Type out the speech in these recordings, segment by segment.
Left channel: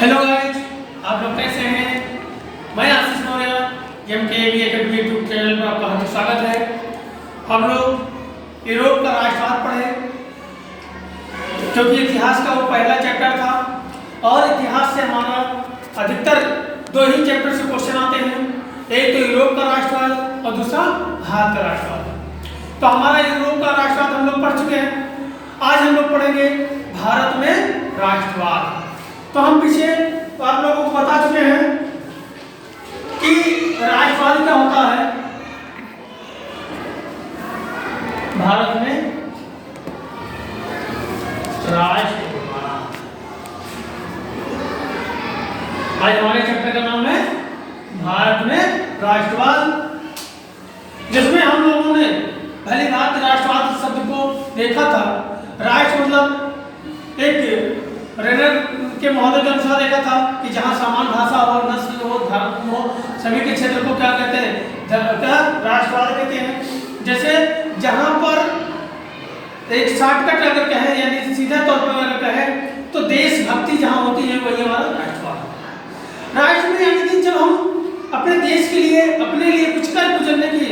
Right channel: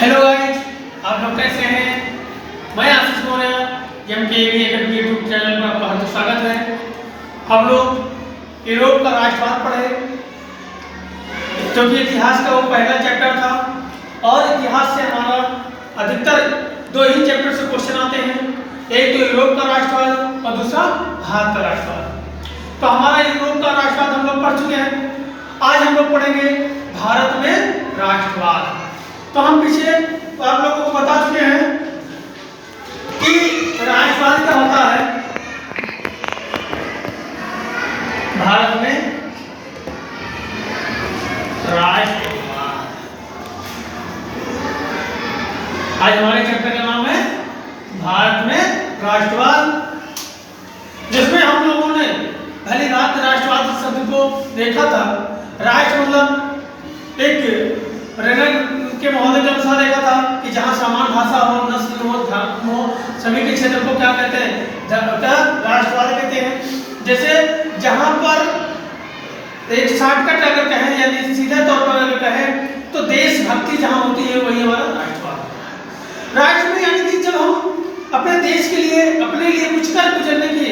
Hello guys, आप लोग कैसे हैं? मैं Ashish Maurya MKAV academy YouTube channel में आपका हार्दिक स्वागत है। हम लोग यूरोप का राष्ट्रवाद पढ़े, क्योंकि इतिहास का वो पहला चैप्टर था और इतिहास से हमारा अधिकतर दो ही चैप्टर से क्वेश्चन आते हैं, एक तो यूरोप का राष्ट्रवाद और दूसरा भारत का राष्ट्रवाद। तो हमारा यूरोप का राष्ट्रवाद हम लोग पढ़ चुके हैं। आज हम लोग पढ़ेंगे भारत में राष्ट्रवाद। तो हम पीछे आप लोगों को बता चुके हैं कि राष्ट्रवाद क्या होता है। भारत में राष्ट्रवाद, आज हमारे चैप्टर का नाम है भारत में राष्ट्रवाद, जिसमें हम लोगों ने पहली बात राष्ट्रवाद शब्द को देखा था। राष्ट्र मतलब एक रेनर के महोदय के अनुसार देखा था कि जहाँ समान भाषा हो, नस्ल हो, धर्म हो, सभी के क्षेत्र को क्या कहते हैं, क्या राष्ट्रवाद कहते हैं। जैसे जहाँ पर एक शॉर्टकट अगर कहें यानी सीधे तौर पर अगर कहें तो देशभक्ति जहाँ होती है वही हमारा राष्ट्रवाद है। राष्ट्र में यानी कि जब हम अपने देश के लिए, अपने लिए कुछ कर गुजरने की,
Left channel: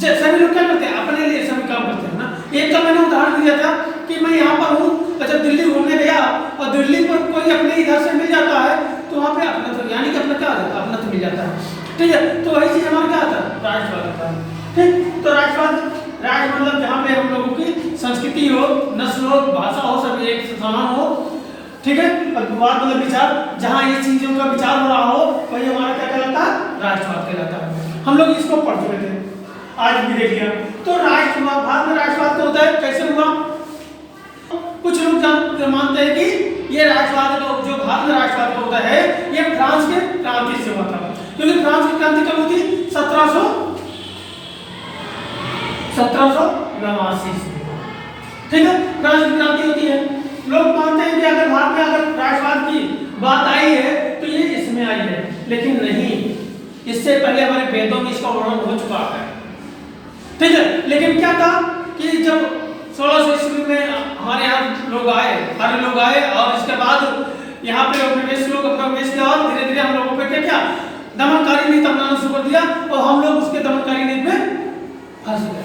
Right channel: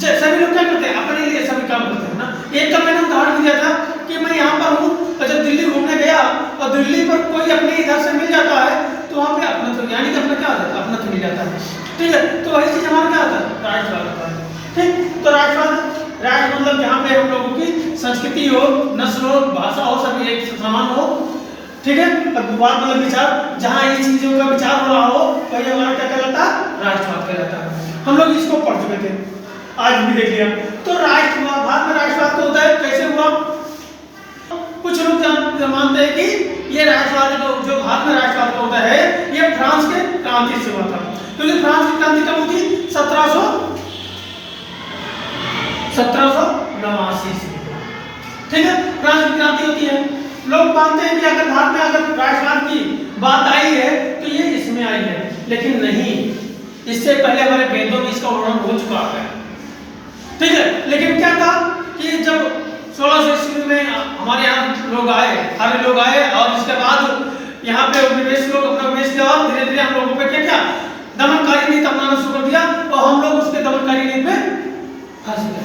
सभी लोग क्या करते हैं, अपने लिए सभी काम करते हैं ना। एक का मैंने उदाहरण दिया था कि मैं यहाँ पर हूँ और जब दिल्ली घूमने गया और दिल्ली पर कोई अपने इधर से मिल जाता है तो वहाँ पे अपना तो यानी कि अपना क्या आता है, अपना तो मिल जाता है, ठीक है। तो वही चीज हमारा क्या आता है, राष्ट्रवाद आता है, ठीक। तो राष्ट्रवाद, राष्ट्र मतलब जहाँ पे हम लोगों की संस्कृति हो, नस्ल हो, भाषा हो, सभी एक समान हो, ठीक है। और वाद मतलब विचार, जहाँ ये चीजों का विचार हो रहा हो वही हमारा क्या कहलाता है, राष्ट्रवाद कहलाता है। हम लोग इसको पढ़ चुके थे, आज भी देख लिया। तो राष्ट्रवाद, भारत में राष्ट्रवाद को होता है, कैसे हुआ? कुछ लोग मानते हैं कि ये राष्ट्रवाद जो भारत में राष्ट्रवाद का होता है ये फ्रांस के क्रांति से हुआ था, क्योंकि फ्रांस की क्रांति कब हुई थी? 1789 से, ठीक है। फ्रांस की क्रांति होती है। लोग मानते हैं कि अगर भारत में अगर राष्ट्रवाद की बात आई है तो ये इसमें आई है, लेकिन नहीं, इससे पहले हमारे वेदों में इसका वर्णन हो चुका है, ठीक है। लेकिन क्या था कि जब 1600 ईस्वी में हमारे यहाँ लोग आए, आर्य लोग आए और इसके बाद यहाँ पे उपनिवेश लोग अपना उपनिवेश किया और धीरे धीरे हम लोगों पे क्या दमनकारी नीति अपनाना शुरू कर दिया और हम लोग उसके दमनकारी नीति में फांसी कर गए,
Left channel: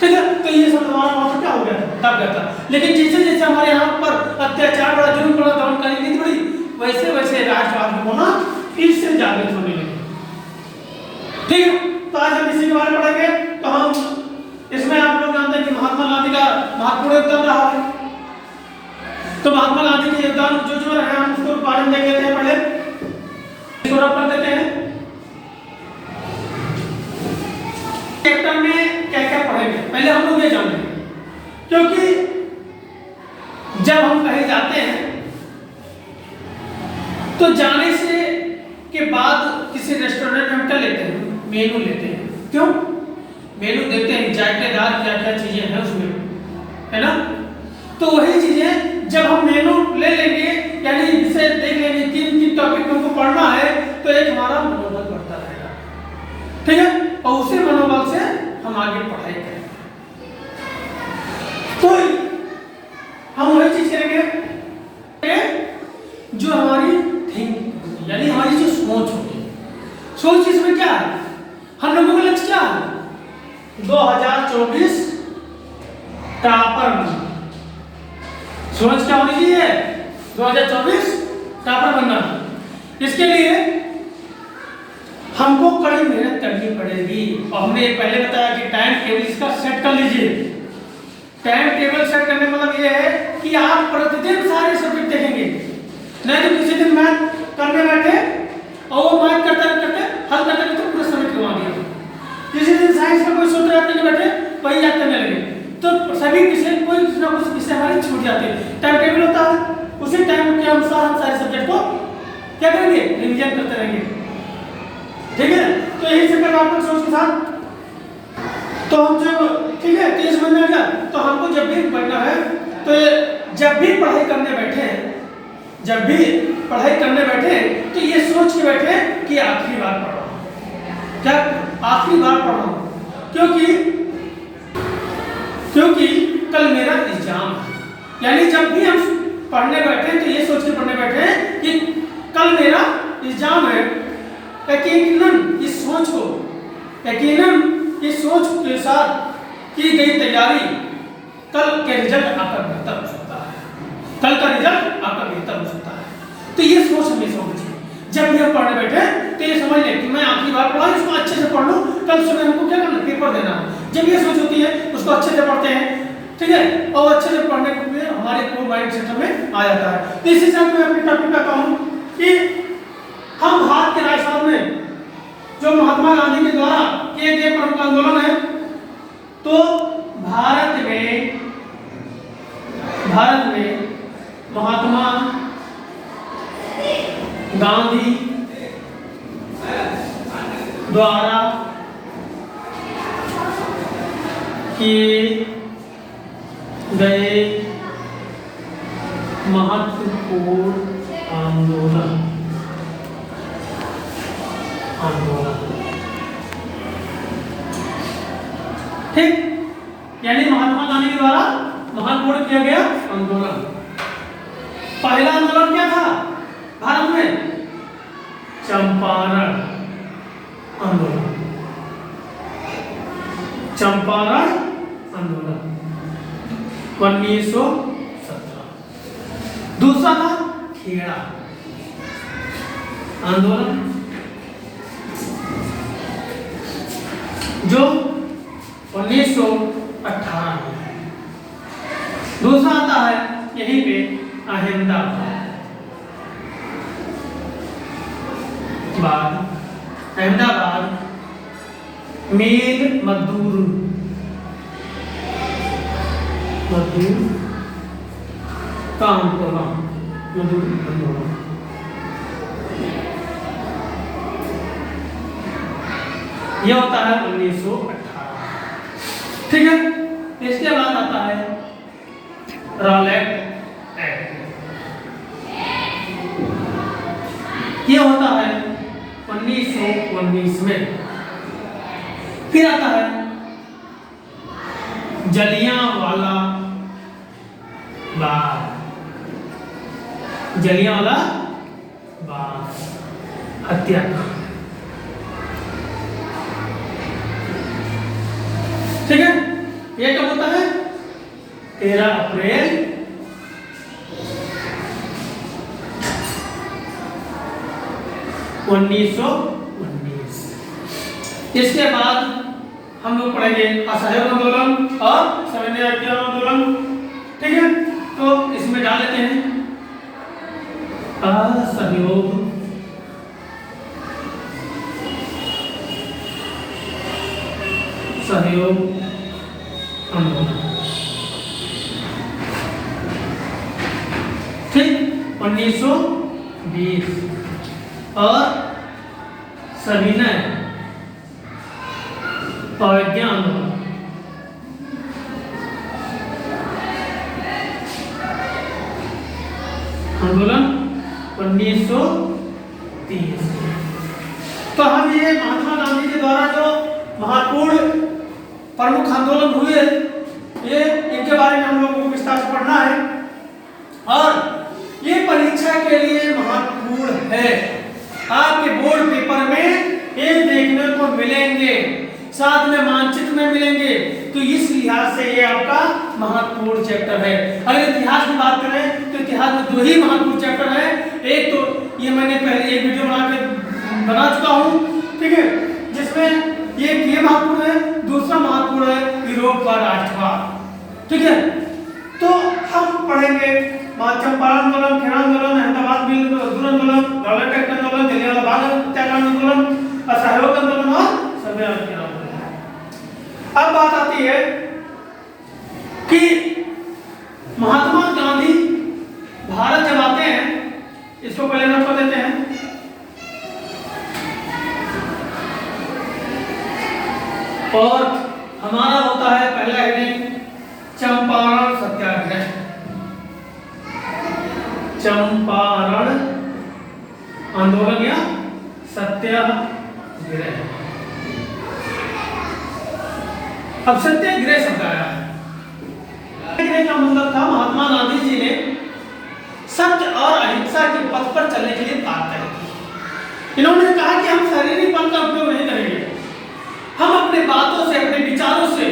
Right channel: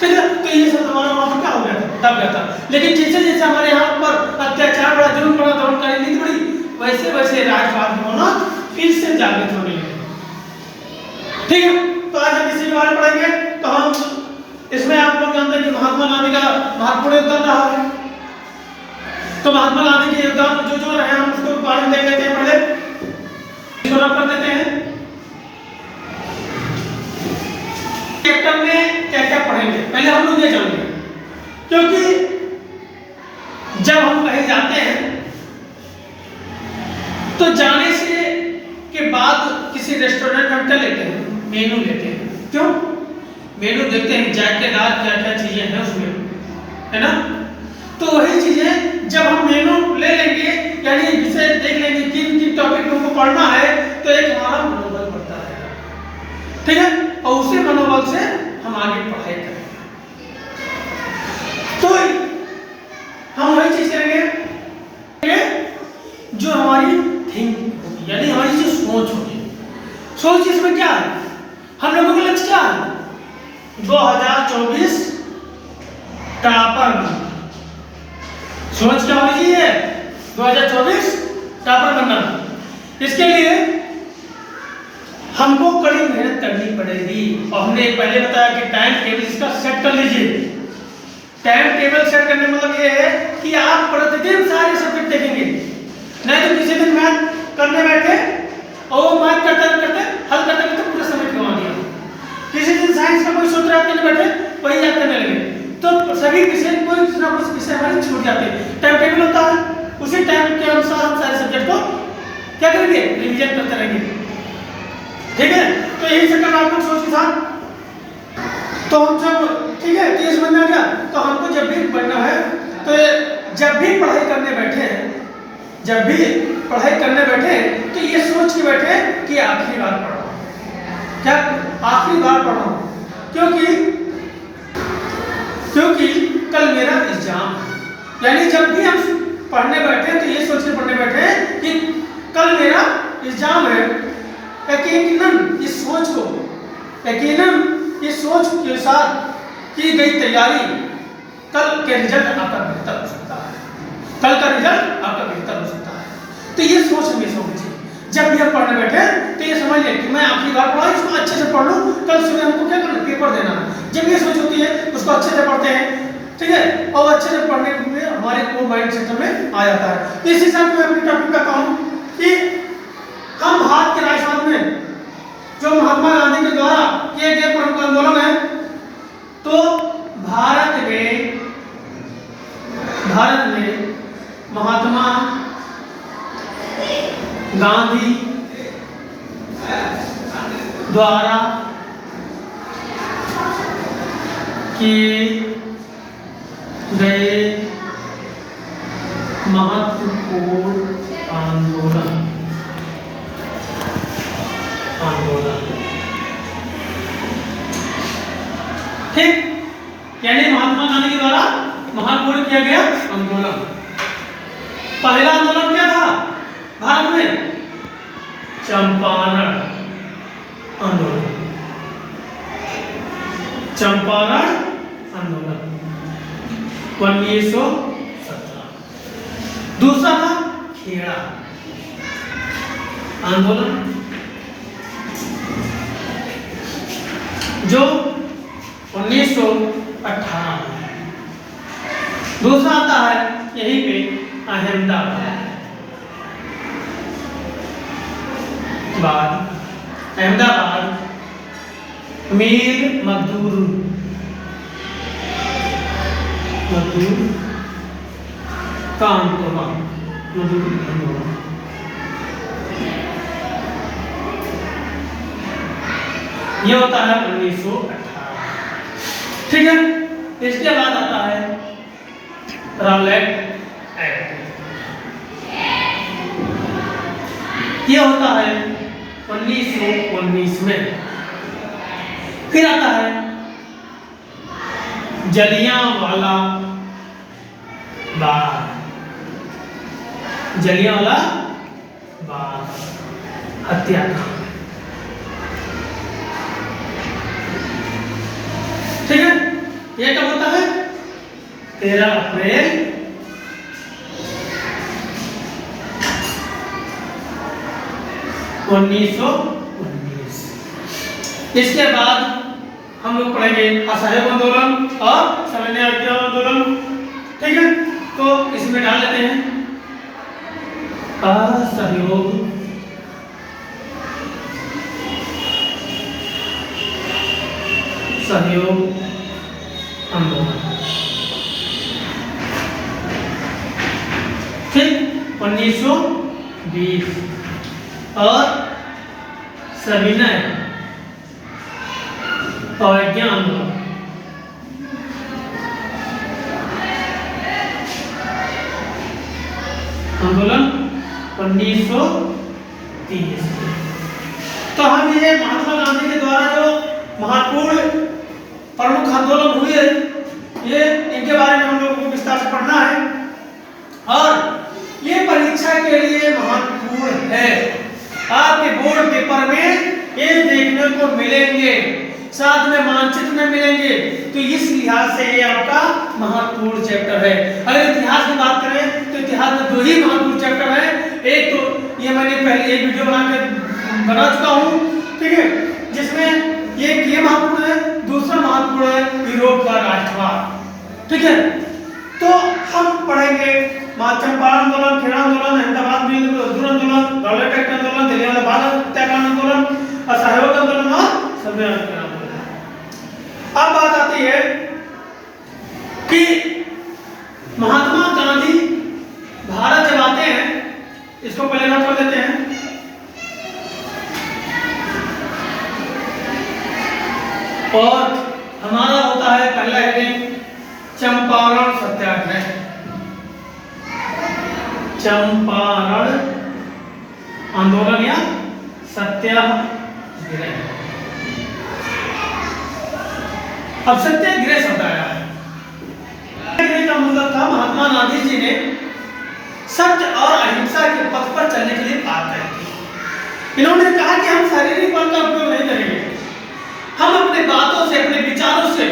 ठीक है। तो ये सब हमारा वहाँ पर क्या हो गया था, दब गया था। लेकिन जैसे जैसे हमारे यहाँ पर अत्याचार बढ़ा, जुर्म बढ़ा, दमनकारी नीति बढ़ी, वैसे वैसे राष्ट्रवाद की होना फिर से जागृत होने लगे, ठीक है। तो आज हम इसी के बारे में पढ़ेंगे। तो हम इसमें आप लोग जानते हैं कि महात्मा गांधी का महत्वपूर्ण योगदान रहा है। तो महात्मा गांधी के योगदान जो जो रहे हम उसको बारे में देख लेते हैं। पहले इसको रख देते हैं चैप्टर में क्या क्या पढ़ेंगे, पहले हम लोग ये जान लें, क्योंकि जब हम कहीं जाते हैं तो जाने से के बाद किसी रेस्टोरेंट में हम क्या लेते हैं, मेनू लेते हैं। क्यों? मेनू देखते हैं जायकेदार क्या क्या चीजें हैं उसमें, है ना। तो वही चीजें जब हम मेनू ले लेंगे यानी विषय देख लेंगे किन किन टॉपिक में हमको पढ़ना है तो एक हमारा मनोबल बढ़ता रहेगा, ठीक है। और उसी मनोबल से हम आगे पढ़ाई करेंगे। तो हम वही चीज करेंगे जो हमारी थिंक होगी, यानी हमारी जो सोच होगी। सोच इसमें क्या है, हम लोगों का लक्ष्य क्या है, 2024 टॉपर बनना। सोच क्या होनी चाहिए, 2024 टॉपर बनना। इसके लिए हमको कड़ी मेहनत करनी पड़ेगी और हमने पहले बताया कि टाइम टेबल इसका सेट कर लीजिए। टाइम टेबल सेट करने मतलब ये है कि आप प्रतिदिन सारे सब्जेक्ट देखेंगे, नहीं तो किसी दिन मैथ करने बैठे और वो मैथ करते करते हल करते करते पूरा समय करवा दिया, किसी दिन साइंस का कोई सूत्र याद करने बैठे वही याद करने लगे, तो सभी विषय कोई ना कुछ विषय हमारे छूट जाते हैं। टाइम टेबल होता है, उसी टाइम के अनुसार हम सारे सब्जेक्ट को क्या करेंगे, रिवीजन करते रहेंगे, ठीक है। तो यही से करना आपको सोच के साथ। तो हम जब ठीक है तो ये समझ में आ गया। तो हमको जब भी पढ़ना है तो जब भी पढ़ाई करने बैठे हैं, जब भी पढ़ाई करने बैठे तो ये सोच के बैठे कि आखिरी बार पढ़ रहा हूं, क्या आखिरी बार पढ़ रहा हूं, क्योंकि कल मेरा एग्जाम है। यानी जब भी हम पढ़ने बैठे तो ये सोच के पढ़ने बैठे कि कल मेरा एग्जाम है, यकीनन इस सोच के साथ की गई तैयारी कल के रिजल्ट आपका बेहतर हो सकता है, कल का रिजल्ट आपका बेहतर हो सकता है। तो ये सोच हमेशा होनी चाहिए। जब भी हम पढ़ने बैठे तो ये समझ लें कि मैं आखिरी बार पढ़ा, इसको अच्छे से पढ़ लूँ, कल सुबह हमको क्या करना, पेपर देना है। जब ये सोच होती है उसको अच्छे से पढ़ते हैं, ठीक है, और अच्छे से पढ़ने के लिए हमारे को माइंड सिस्टम में आ जाता है। तो इसी हिसाब से मैं अपने टॉपिक का कहूँ कि हम भारत के राष्ट्रवाद में जो महात्मा गांधी के द्वारा किए गए प्रमुख आंदोलन है, तो भारत में महात्मा गांधी द्वारा किए गए महत्वपूर्ण आंदोलन ठीक, यानी महात्मा गांधी के द्वारा महत्वपूर्ण किया गया आंदोलन। पहला आंदोलन क्या था भारत में? चंपारण आंदोलन, चंपारण आंदोलन 1917। दूसरा था खेड़ा आंदोलन जो 1918 में। दूसरा आता है यहीं पे अहमदाबाद मीर मजदूर का आंदोलन, यह होता है 1918, ठीक है। इसके बाद आता है रॉलेट एक्ट, यह होता है 1919 में। फिर आता है जलियांवाला बाग हत्याकांड, ठीक है। ये कब होता है? 13 अप्रैल 1919। इसके बाद हम लोग पढ़ेंगे असहयोग आंदोलन और सविनय अवज्ञा आंदोलन, ठीक है। तो इसमें डाल लेते हैं असहयोग आंदोलन, ठीक, 1920। और सविनय अवज्ञा आंदोलन आंदोलन 1930। तो हम ये महात्मा गांधी के द्वारा जो महत्वपूर्ण प्रमुख आंदोलन हुए, ये इनके बारे में हम लोगों को विस्तार से पढ़ना है। और ये परीक्षा के लिए महत्वपूर्ण है, आपके बोर्ड पेपर में ये देखने को मिलेंगे, साथ में मानचित्र में मिलेंगे। तो इस लिहाज से ये आपका महत्वपूर्ण चैप्टर है। अगर इतिहास की बात करें तो इतिहास में 2 ही महत्वपूर्ण चैप्टर है। एक तो ये मैंने पहले एक वीडियो बना चुका हूँ, ठीक है, जिसमें ये महत्वपूर्ण है। दूसरा महत्वपूर्ण है यूरोप का राष्ट्रवाद, ठीक है। तो हम पढ़ेंगे चंपारण आंदोलन, खेड़ा आंदोलन, अहमदाबाद मील मजदूर आंदोलन, रॉलेट एक्ट आंदोलन, जलियांवाला बाग हत्याकांड आंदोलन, असहयोग आंदोलन और सविनय अवज्ञा आंदोलन। अब बात आती है कि महात्मा गांधी भारत जब आते हैं, इसको पहले नोट कर देते हैं। और हमारा होता है पहला हेडिंग चंपारण सत्याग्रह, चंपारण आंदोलन या सत्याग्रह। अब सत्याग्रह शब्द आया है, का मतलब था महात्मा गांधी जी ने सत्य और अहिंसा के पथ पर चलने के लिए बात करी थी। इन्होंने कहा कि हम शारीरिक बल का उपयोग नहीं करेंगे, हम अपने बातों से, अपने विचारों से,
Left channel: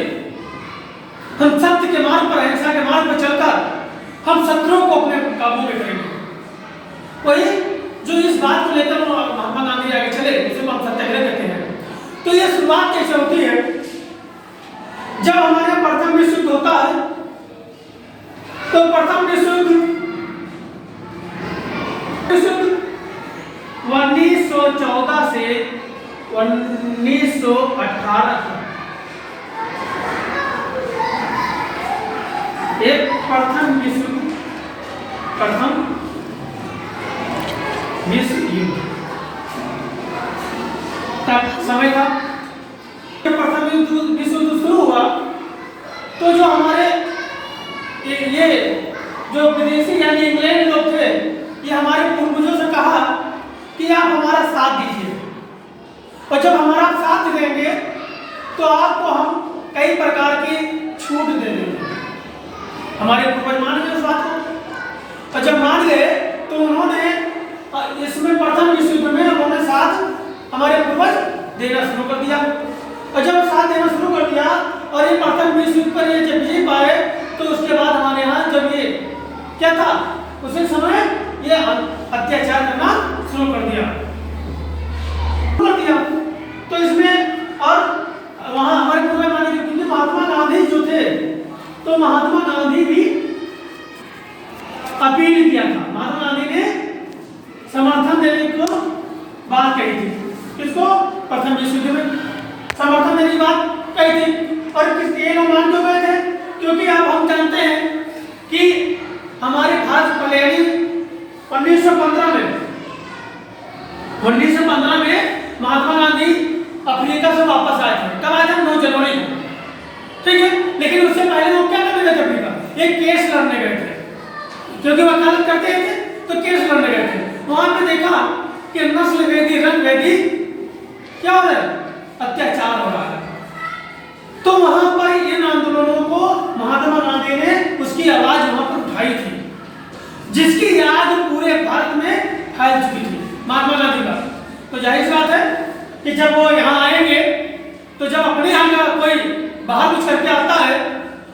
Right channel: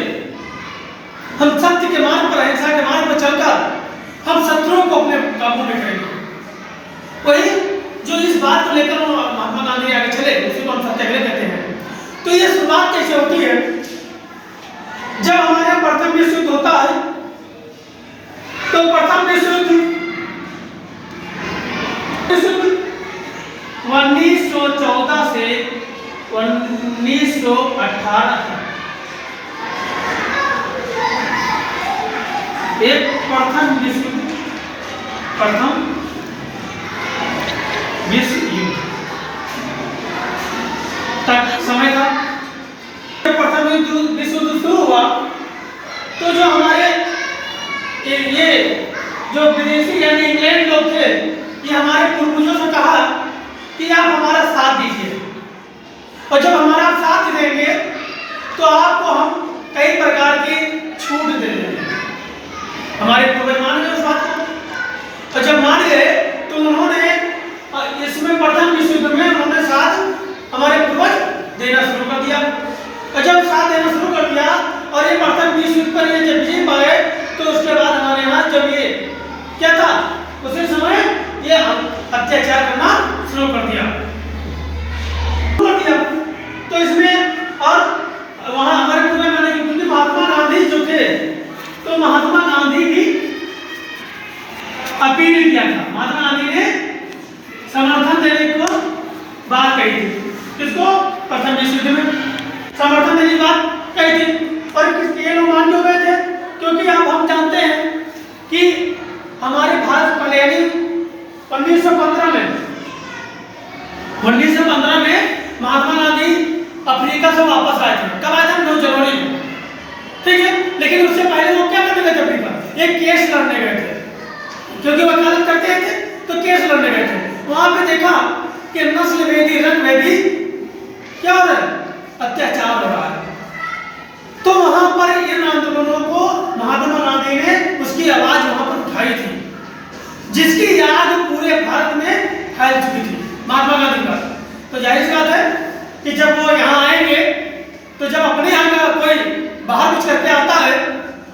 हम सत्य के मार्ग पर, अहिंसा के मार्ग पर चलकर हम शत्रुओं को अपने काबू में करेंगे। वही जो इस बात को लेकर महात्मा गांधी आगे चले, उसी को हम सत्याग्रह कहते हैं। तो ये शुरुआत कैसे होती है? जब हमारे प्रथम विश्व युद्ध होता है, तो प्रथम विश्व युद्ध 1914 से 1918 तक एक प्रथम विश्व युद्ध तक समय था। प्रथम विश्व युद्ध शुरू हुआ तो जो हमारे ये जो विदेशी यानी इंग्लैंड लोग थे, ये हमारे पूर्वजों से कहा कि आप हमारा साथ दीजिए, और जब हमारा आप साथ देंगे तो आपको हम कई प्रकार की छूट दे देंगे। हमारे पूर्वज मान गए उस बात को, और जब मान गए तो उन्होंने इसमें प्रथम विश्व युद्ध में उन्होंने साथ हमारे पूर्वज देना शुरू कर दिया, और जब साथ देना शुरू कर दिया और ये प्रथम विश्व युद्ध पर ये जब जीत पाए, तो उसके बाद हमारे यहाँ जब ये क्या था, उसी समय ये अत्याचार करना शुरू कर दिया। तो इसमें और वहाँ हमारे पूर्वज माने कि महात्मा गांधी जो थे, तो महात्मा गांधी भी अपील किया था। महात्मा गांधी ने समर्थन देने को बात कही थी। किसको? प्रथम विश्व युद्ध में समर्थन देने की बात कही थी। और किसके लोग मान क्यों गए थे? क्योंकि अब हम जानते हैं कि हमारे भारत पहले 1915 में महात्मा गांधी अफ्रीका से वापस आए थे। कब आए थे? 9 जनवरी को, ठीक है। लेकिन उससे पहले वो क्या करने गए थे अफ्रीका? एक केस लड़ने गए थे, क्योंकि वकालत करते थे, तो केस लड़ने गए थे। वहां पे देखा कि नस्ल वेदी, रंग वेदी क्या हो रहा है? अत्याचार हो रहा है। तो वहां पर इन आंदोलनों को महात्मा गांधी ने उसकी आवाज वहां पर उठाई थी, जिसकी याद पूरे भारत में फैल चुकी थी महात्मा गांधी का। तो जाहिर सी बात है कि जब वो यहाँ आएंगे, तो जब अपने यहाँ का कोई बाहर कुछ करके आता है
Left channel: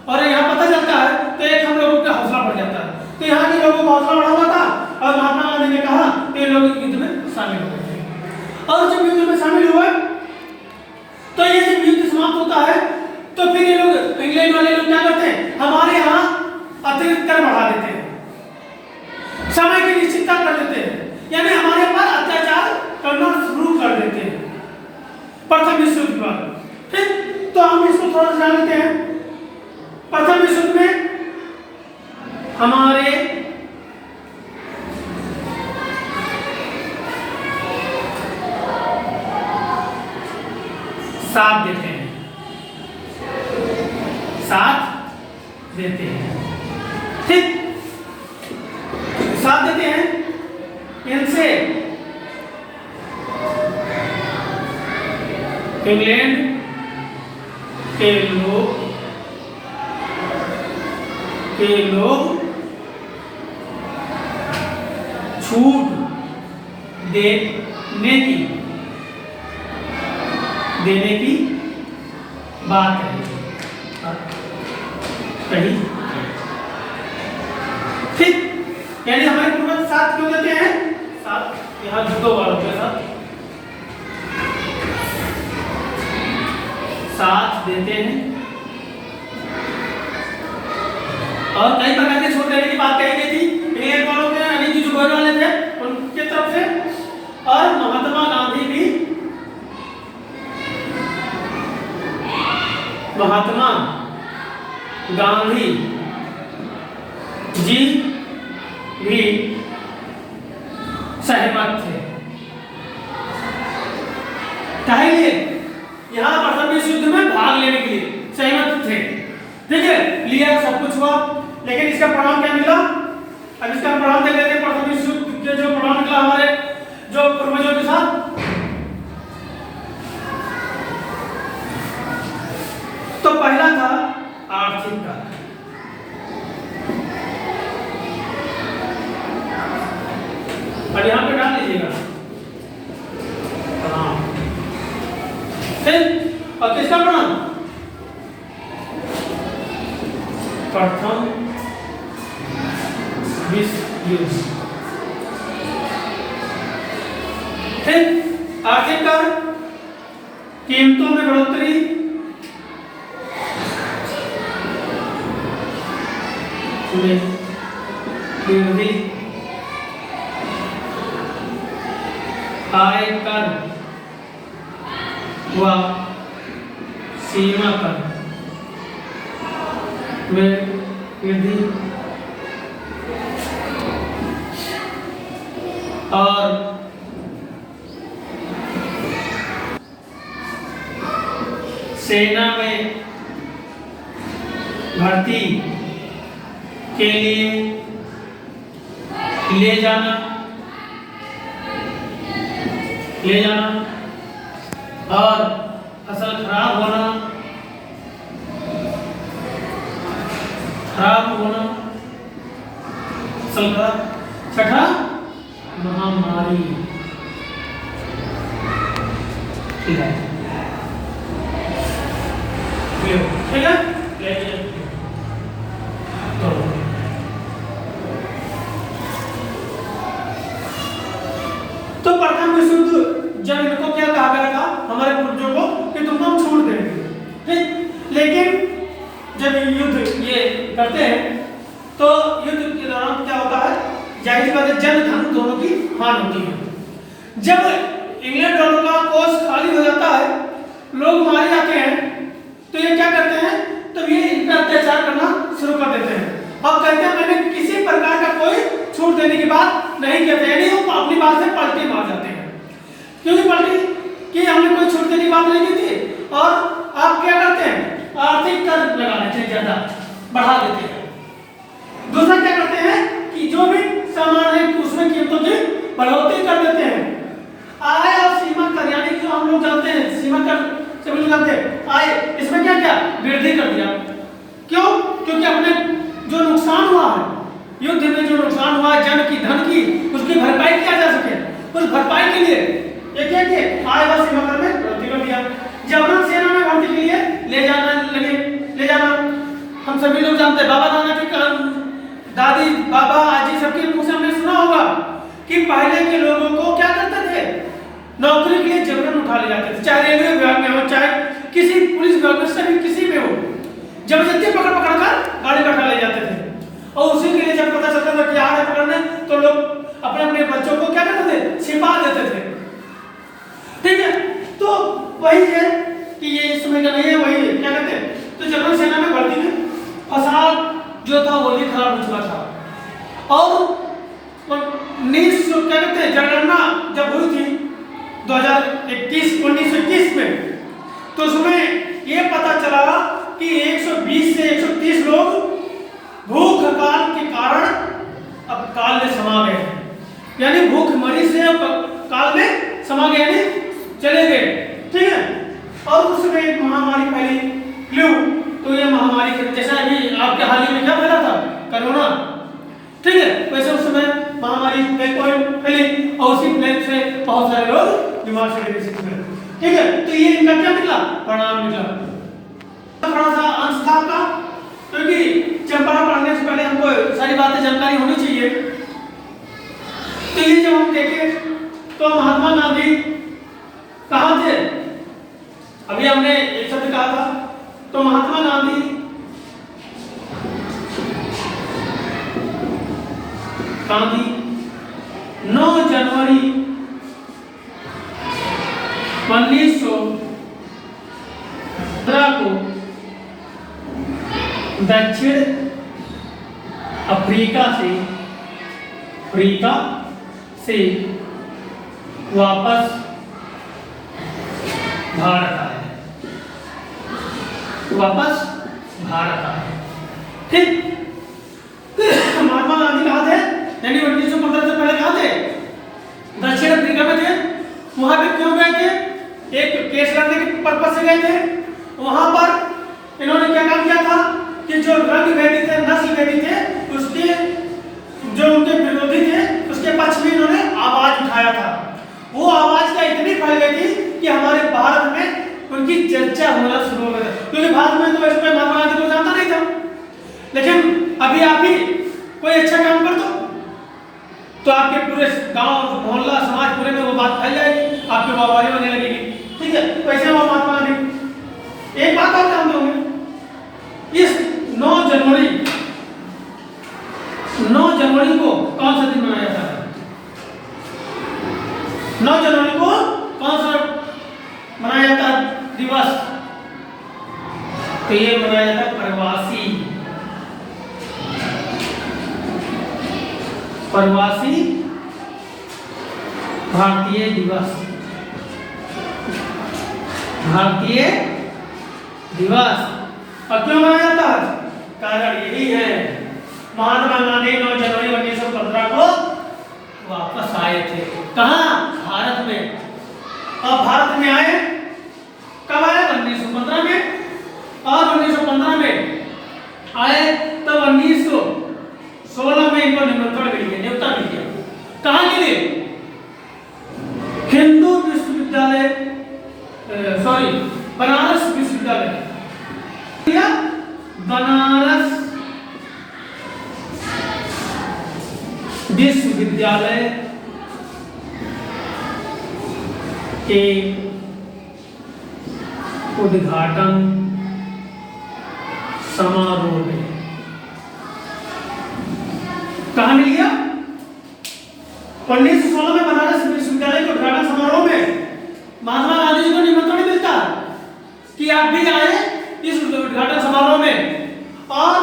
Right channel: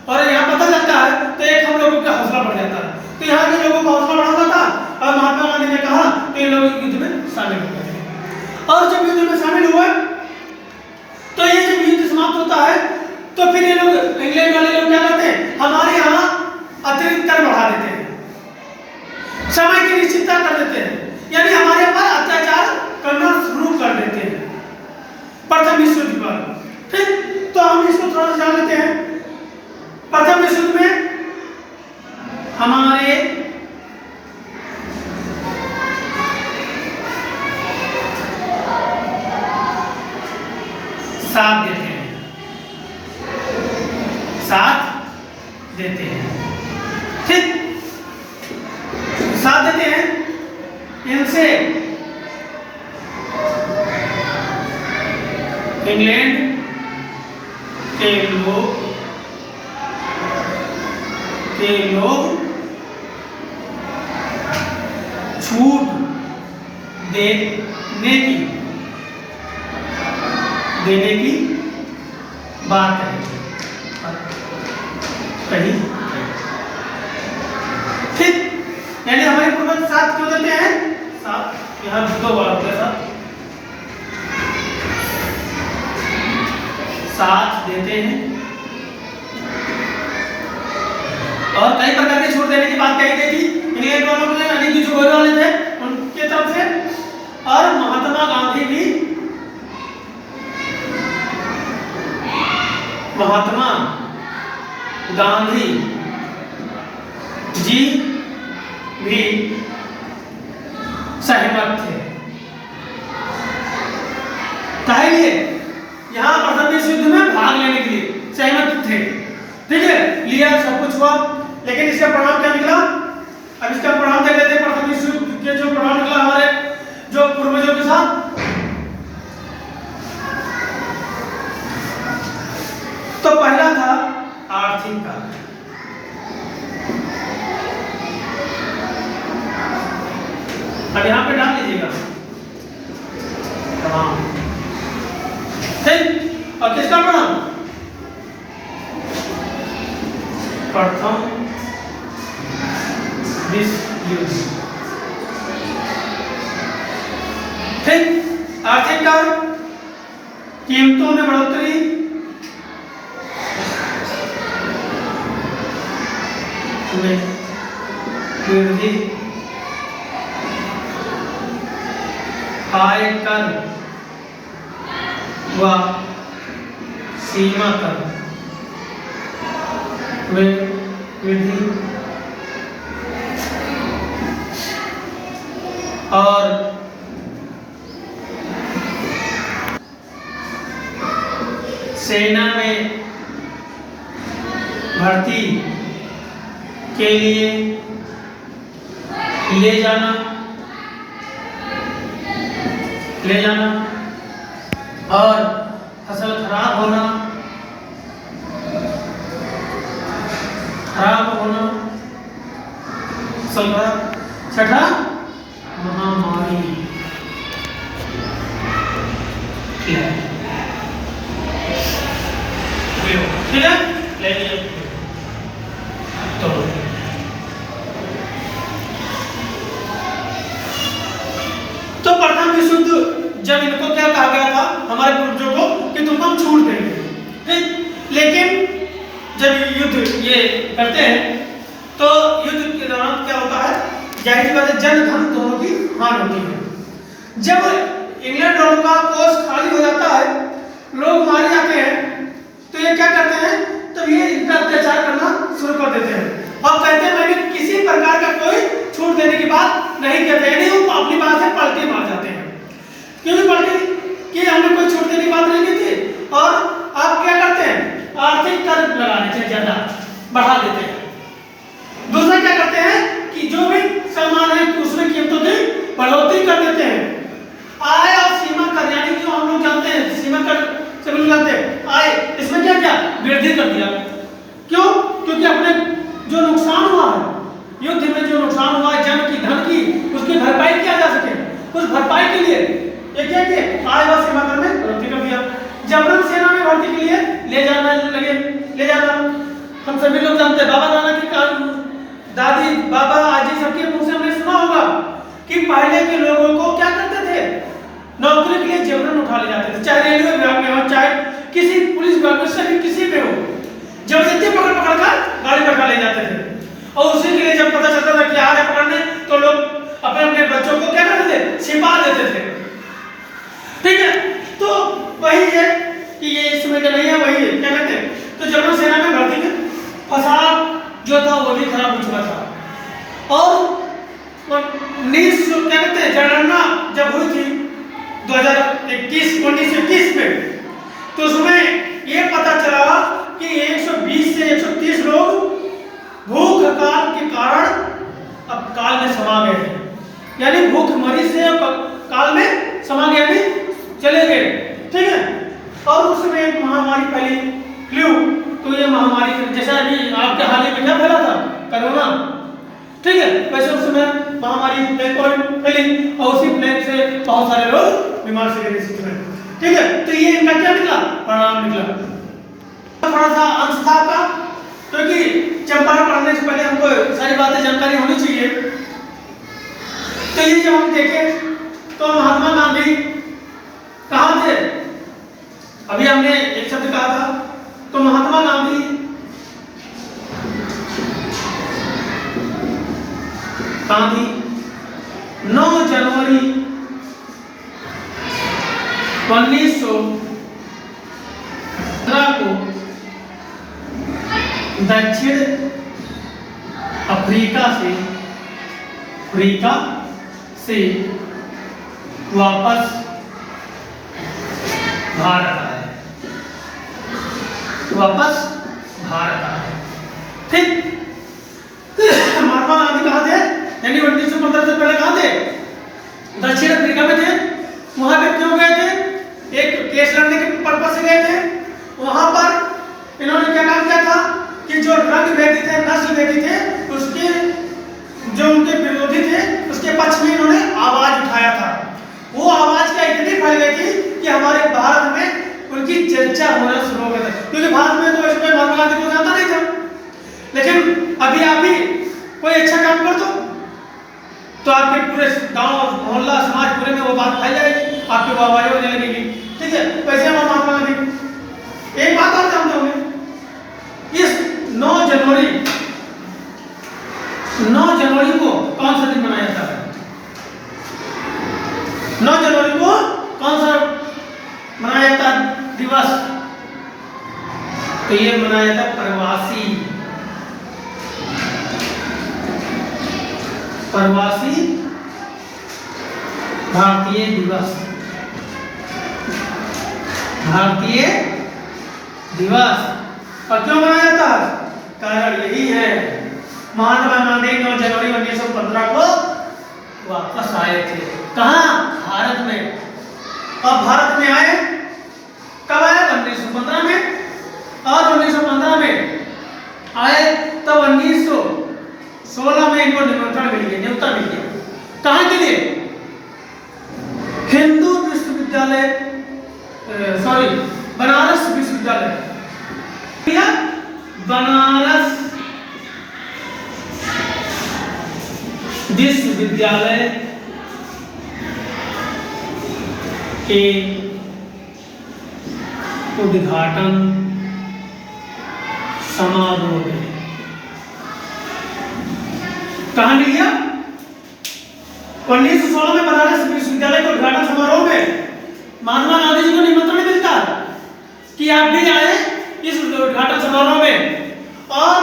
और यहाँ पता चलता है, तो एक हम लोगों का हौसला बढ़ जाता है। तो यहाँ के लोगों का हौसला बढ़ा हुआ था, और महात्मा गांधी ने कहा कि ये लोग युद्ध में शामिल हो गए। और जब युद्ध में शामिल हुए, तो ये जब युद्ध समाप्त होता है, तो फिर ये लोग, इंग्लैंड वाले लोग क्या करते हैं? हमारे यहाँ अतिरिक्त कर बढ़ा देते हैं, समय की निश्चितता कर देते हैं, यानी हमारे पर अत्याचार करना शुरू कर देते हैं प्रथम विश्व युद्ध के बाद। ठीक, तो हम इसको थोड़ा सा जान लेते हैं। प्रथम विश्व युद्ध में हमारे साथ देते हैं, साथ देते हैं, ठीक, साथ देते हैं। इनसे इंग्लैंड के लोग छूट देने की बात कही। ठीक, यानी हमारे पूर्वज साथ क्यों देते हैं? साथ यहाँ 2 बार होते हैं, साथ देते हैं, और कई प्रकार के छोड़ देने की बात कही गई थी इंग्लैंड वालों ने, यानी कि जो गोरे वाले थे उनके तरफ से। और महात्मा गांधी भी सहमत थे। पहले यहाँ प्रथम विश्व युद्ध में भाग लेने के लिए सहमत थे, ठीक है, लिया, सब कुछ हुआ, लेकिन इसका परिणाम क्या निकला? अब इसका परिणाम देख लेते हैं। प्रथम विश्व युद्ध के जो परिणाम निकला हमारे जो पूर्वजों के साथ, तो पहला था आर्थिक कार्य। अब यहाँ पे डाल लीजिएगा। हाँ ठीक। अब किसका पढ़ा? प्रथम विश्व युद्ध। ठीक। आर्थिक कार्य, कीमतों में बढ़ोतरी, वृद्धि, आय कर व सीमा कर वृद्धि और सेना में भर्ती के लिए ले जाना और फसल खराब होना फसल खराब। छठा, महामारी ठीक है, ठीक है, ले लीजिए। तो प्रथम विश्व युद्ध जब इनको क्या कहा गया था हमारे पूर्वजों को कि तुमको हम छूट देंगे, ठीक। लेकिन जब युद्ध ये करते हैं तो युद्ध के दौरान क्या होता है, जाहिर सी बात है जन धन दोनों की हानि होती है। जब इंग्लैंड और का कोष खाली हो जाता है, लोग मारे जाते हैं, तो ये क्या करते हैं, तब ये इनका अत्याचार करना शुरू कर देते हैं। अब कहते हैं मैंने किसी प्रकार का कोई छूट देने की बात नहीं कहते, यानी वो अपनी बात से पलटी मार जाते हैं। क्योंकि पलटी कि हमने कोई छूट देने की बात नहीं की थी, और आप क्या करते हैं, आर्थिक कर लगा देते हैं, ज्यादा बढ़ा देते हैं। दूसरा क्या करते हैं कि जो भी सामान है उसमें कीमतों की बढ़ोतरी कर देते हैं। आय और सीमा कर, यानी जो हम लोग जानते हैं सीमा कर से मिल जाते हैं आय, इसमें क्या क्या वृद्धि कर दिया। क्यों? क्योंकि अपने जो नुकसान हुआ है युद्ध में, जो नुकसान हुआ है जन की धन की, उसकी भरपाई किया जा सके, उस भरपाई के लिए ये क्या किए, आय व सीमा कर में बढ़ोतरी कर दिया। जबरन सेना में भर्ती के लिए ले जाना हम सभी लोग जानते हैं। बाबा दादा की दादी बाबा आजी सबके मुंह से हमने सुना होगा कि पहले के लोगों को क्या करते थे, नौकरी के लिए जबरन उठा ले जाते थे, चाहे रेलवे विभाग में हो, चाहे किसी पुलिस विभाग में, सभी किसी में हो, जबरदस्ती पकड़ कर गाड़ी में ले जाते थे। और उसी के लिए जब पता चलता था कि आ रहे पकड़ने, तो लोग अपने अपने बच्चों को क्या करते थे, छिपा देते थे, ठीक है। तो वही है कि ये इस समय का नहीं है, वही है क्या कहते हैं। तो जबरन सेना में भर्ती में फसाद जो था वो भी खराब हो चुका था। और 1900 क्या कहते हैं जनगणना जब हुई थी 1921 में, तो उसमें ये पता चला कि 120 से 130 लोग भूख हड़ताल के कारण अब काल में समा गए हैं, यानी भूखमरी से काल में समा गए, यानी चले गए, ठीक है। और उसमें एक महामारी फैली, फ्लू। तो ये महामारी जैसा अभी आपके हाल ही में क्या फैला था, कोरोना, ठीक है, वैसे उस समय महामारी फैली और उसी प्लेग से बहुत सारे लोग बीमार से गए, ठीक है। तो ये इनका क्या निकला, परिणाम निकला। थोड़ा सा अंश था का, क्योंकि चंपारण पढ़ने से पहले हमको सारी बातें जानकारी होनी चाहिए। तो ये जब हम देखें तो महात्मा गांधी कहाँ थे, अभी हमने एक शब्द कहा था, तो महात्मा गांधी कहाँ थी, 9 जनवरी 1915 को दक्षिण अफ्रीका से वापस भारत आए, ठीक। महात्मा गांधी कहाँ थे, यानी 1915 से पहले कहाँ थे, दक्षिण अफ्रीका में थे। वहां पे क्यों गए थे, एक केस लड़ने के पर्पज से गए थे। वहां पर इन्होंने क्या काम किया था कि जो रंग भेदी थे, नस्ल भेदी थे, उसके जो उनके विरोधी थे उसके पक्ष में इन्होंने क्योंकि भारत में तो ऐसे कोई महात्मा गांधी को जानता नहीं था। लेकिन अभी आप ही कोई अच्छा काम कर दो तो आपके पूरे गांव मोहल्ला समाज पूरे में वो बात फैल जाएगी, आपकी वाहवाही होने लगेगी। ठीक है, वैसे हम महात्मा गांधी। एक बात आप जानते होंगे, इस 9 जनवरी को कौन सा दिन मनाया जाता है? 9 जनवरी को कौन सा मनाया जाता है दिवस? तो ये मनाया जाता है प्रवासी भारतीय दिवस। भारतीय दिवस। और क्यों मनाया जाता है? कारण यही है, महात्मा गांधी 9 जनवरी 1915 को वापस आए थे। कहाँ? भारत में। अब भारत में आए कब आए? 1915 में। और 1915 में आए तब 1916 में इनको निमंत्रण मिल गया, न्योता मिल गया। कहाँ के लिए? हिंदू विश्वविद्यालय, सॉरी बनारस विश्वविद्यालय, बनारस विश्वविद्यालय के उद्घाटन समारोह में। कहां मिल गया? 1916 में बनारस विश्वविद्यालय के उद्घाटन समारोह में महात्मा गांधी जी को निमंत्रण मिलता कि आप भी आए इस उद्घाटन समारोह में। और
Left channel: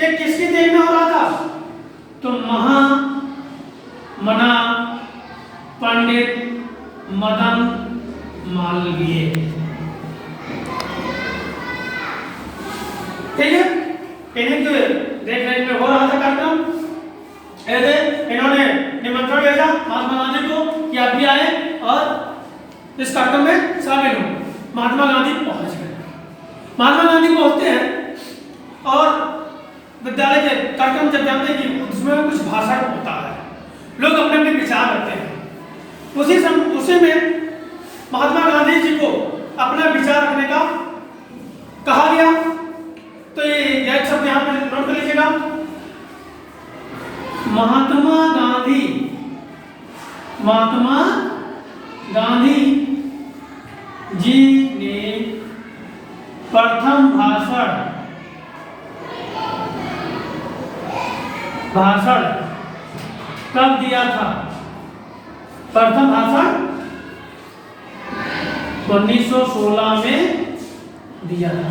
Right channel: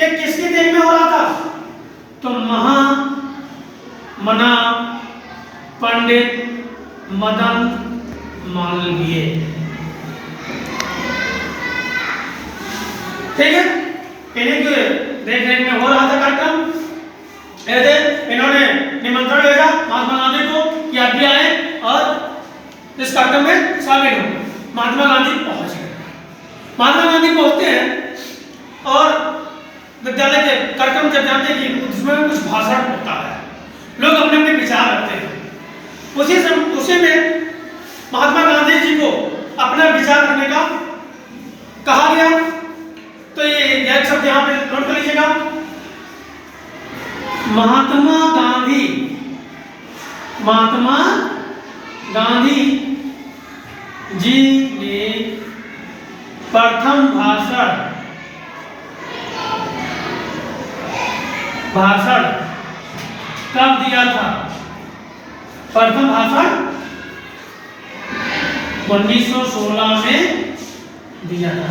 ये किसके देश में हो रहा था? तो महामना पंडित मदन मालवीय। ठीक है, इन्हीं के देख रेख में हो रहा था कार्यक्रम। इन्होंने निमंत्रण भेजा महात्मा गांधी को कि आप भी आए और इस कार्यक्रम में शामिल हो। महात्मा गांधी पहुंच गए। महात्मा गांधी पहुंचते हैं और विद्यालय के कार्यक्रम जब जानते हैं कि उसमें कुछ भाषण होता है, लोग अपने अपने विचार रखते हैं। उसी में महात्मा गांधी जी को अपना विचार रखने का कहा गया। तो ये एक शब्द यहाँ पे नोट कर लीजिएगा, महात्मा गांधी जी ने प्रथम भाषण कब दिया था? प्रथम भाषण 1916 में दिया था।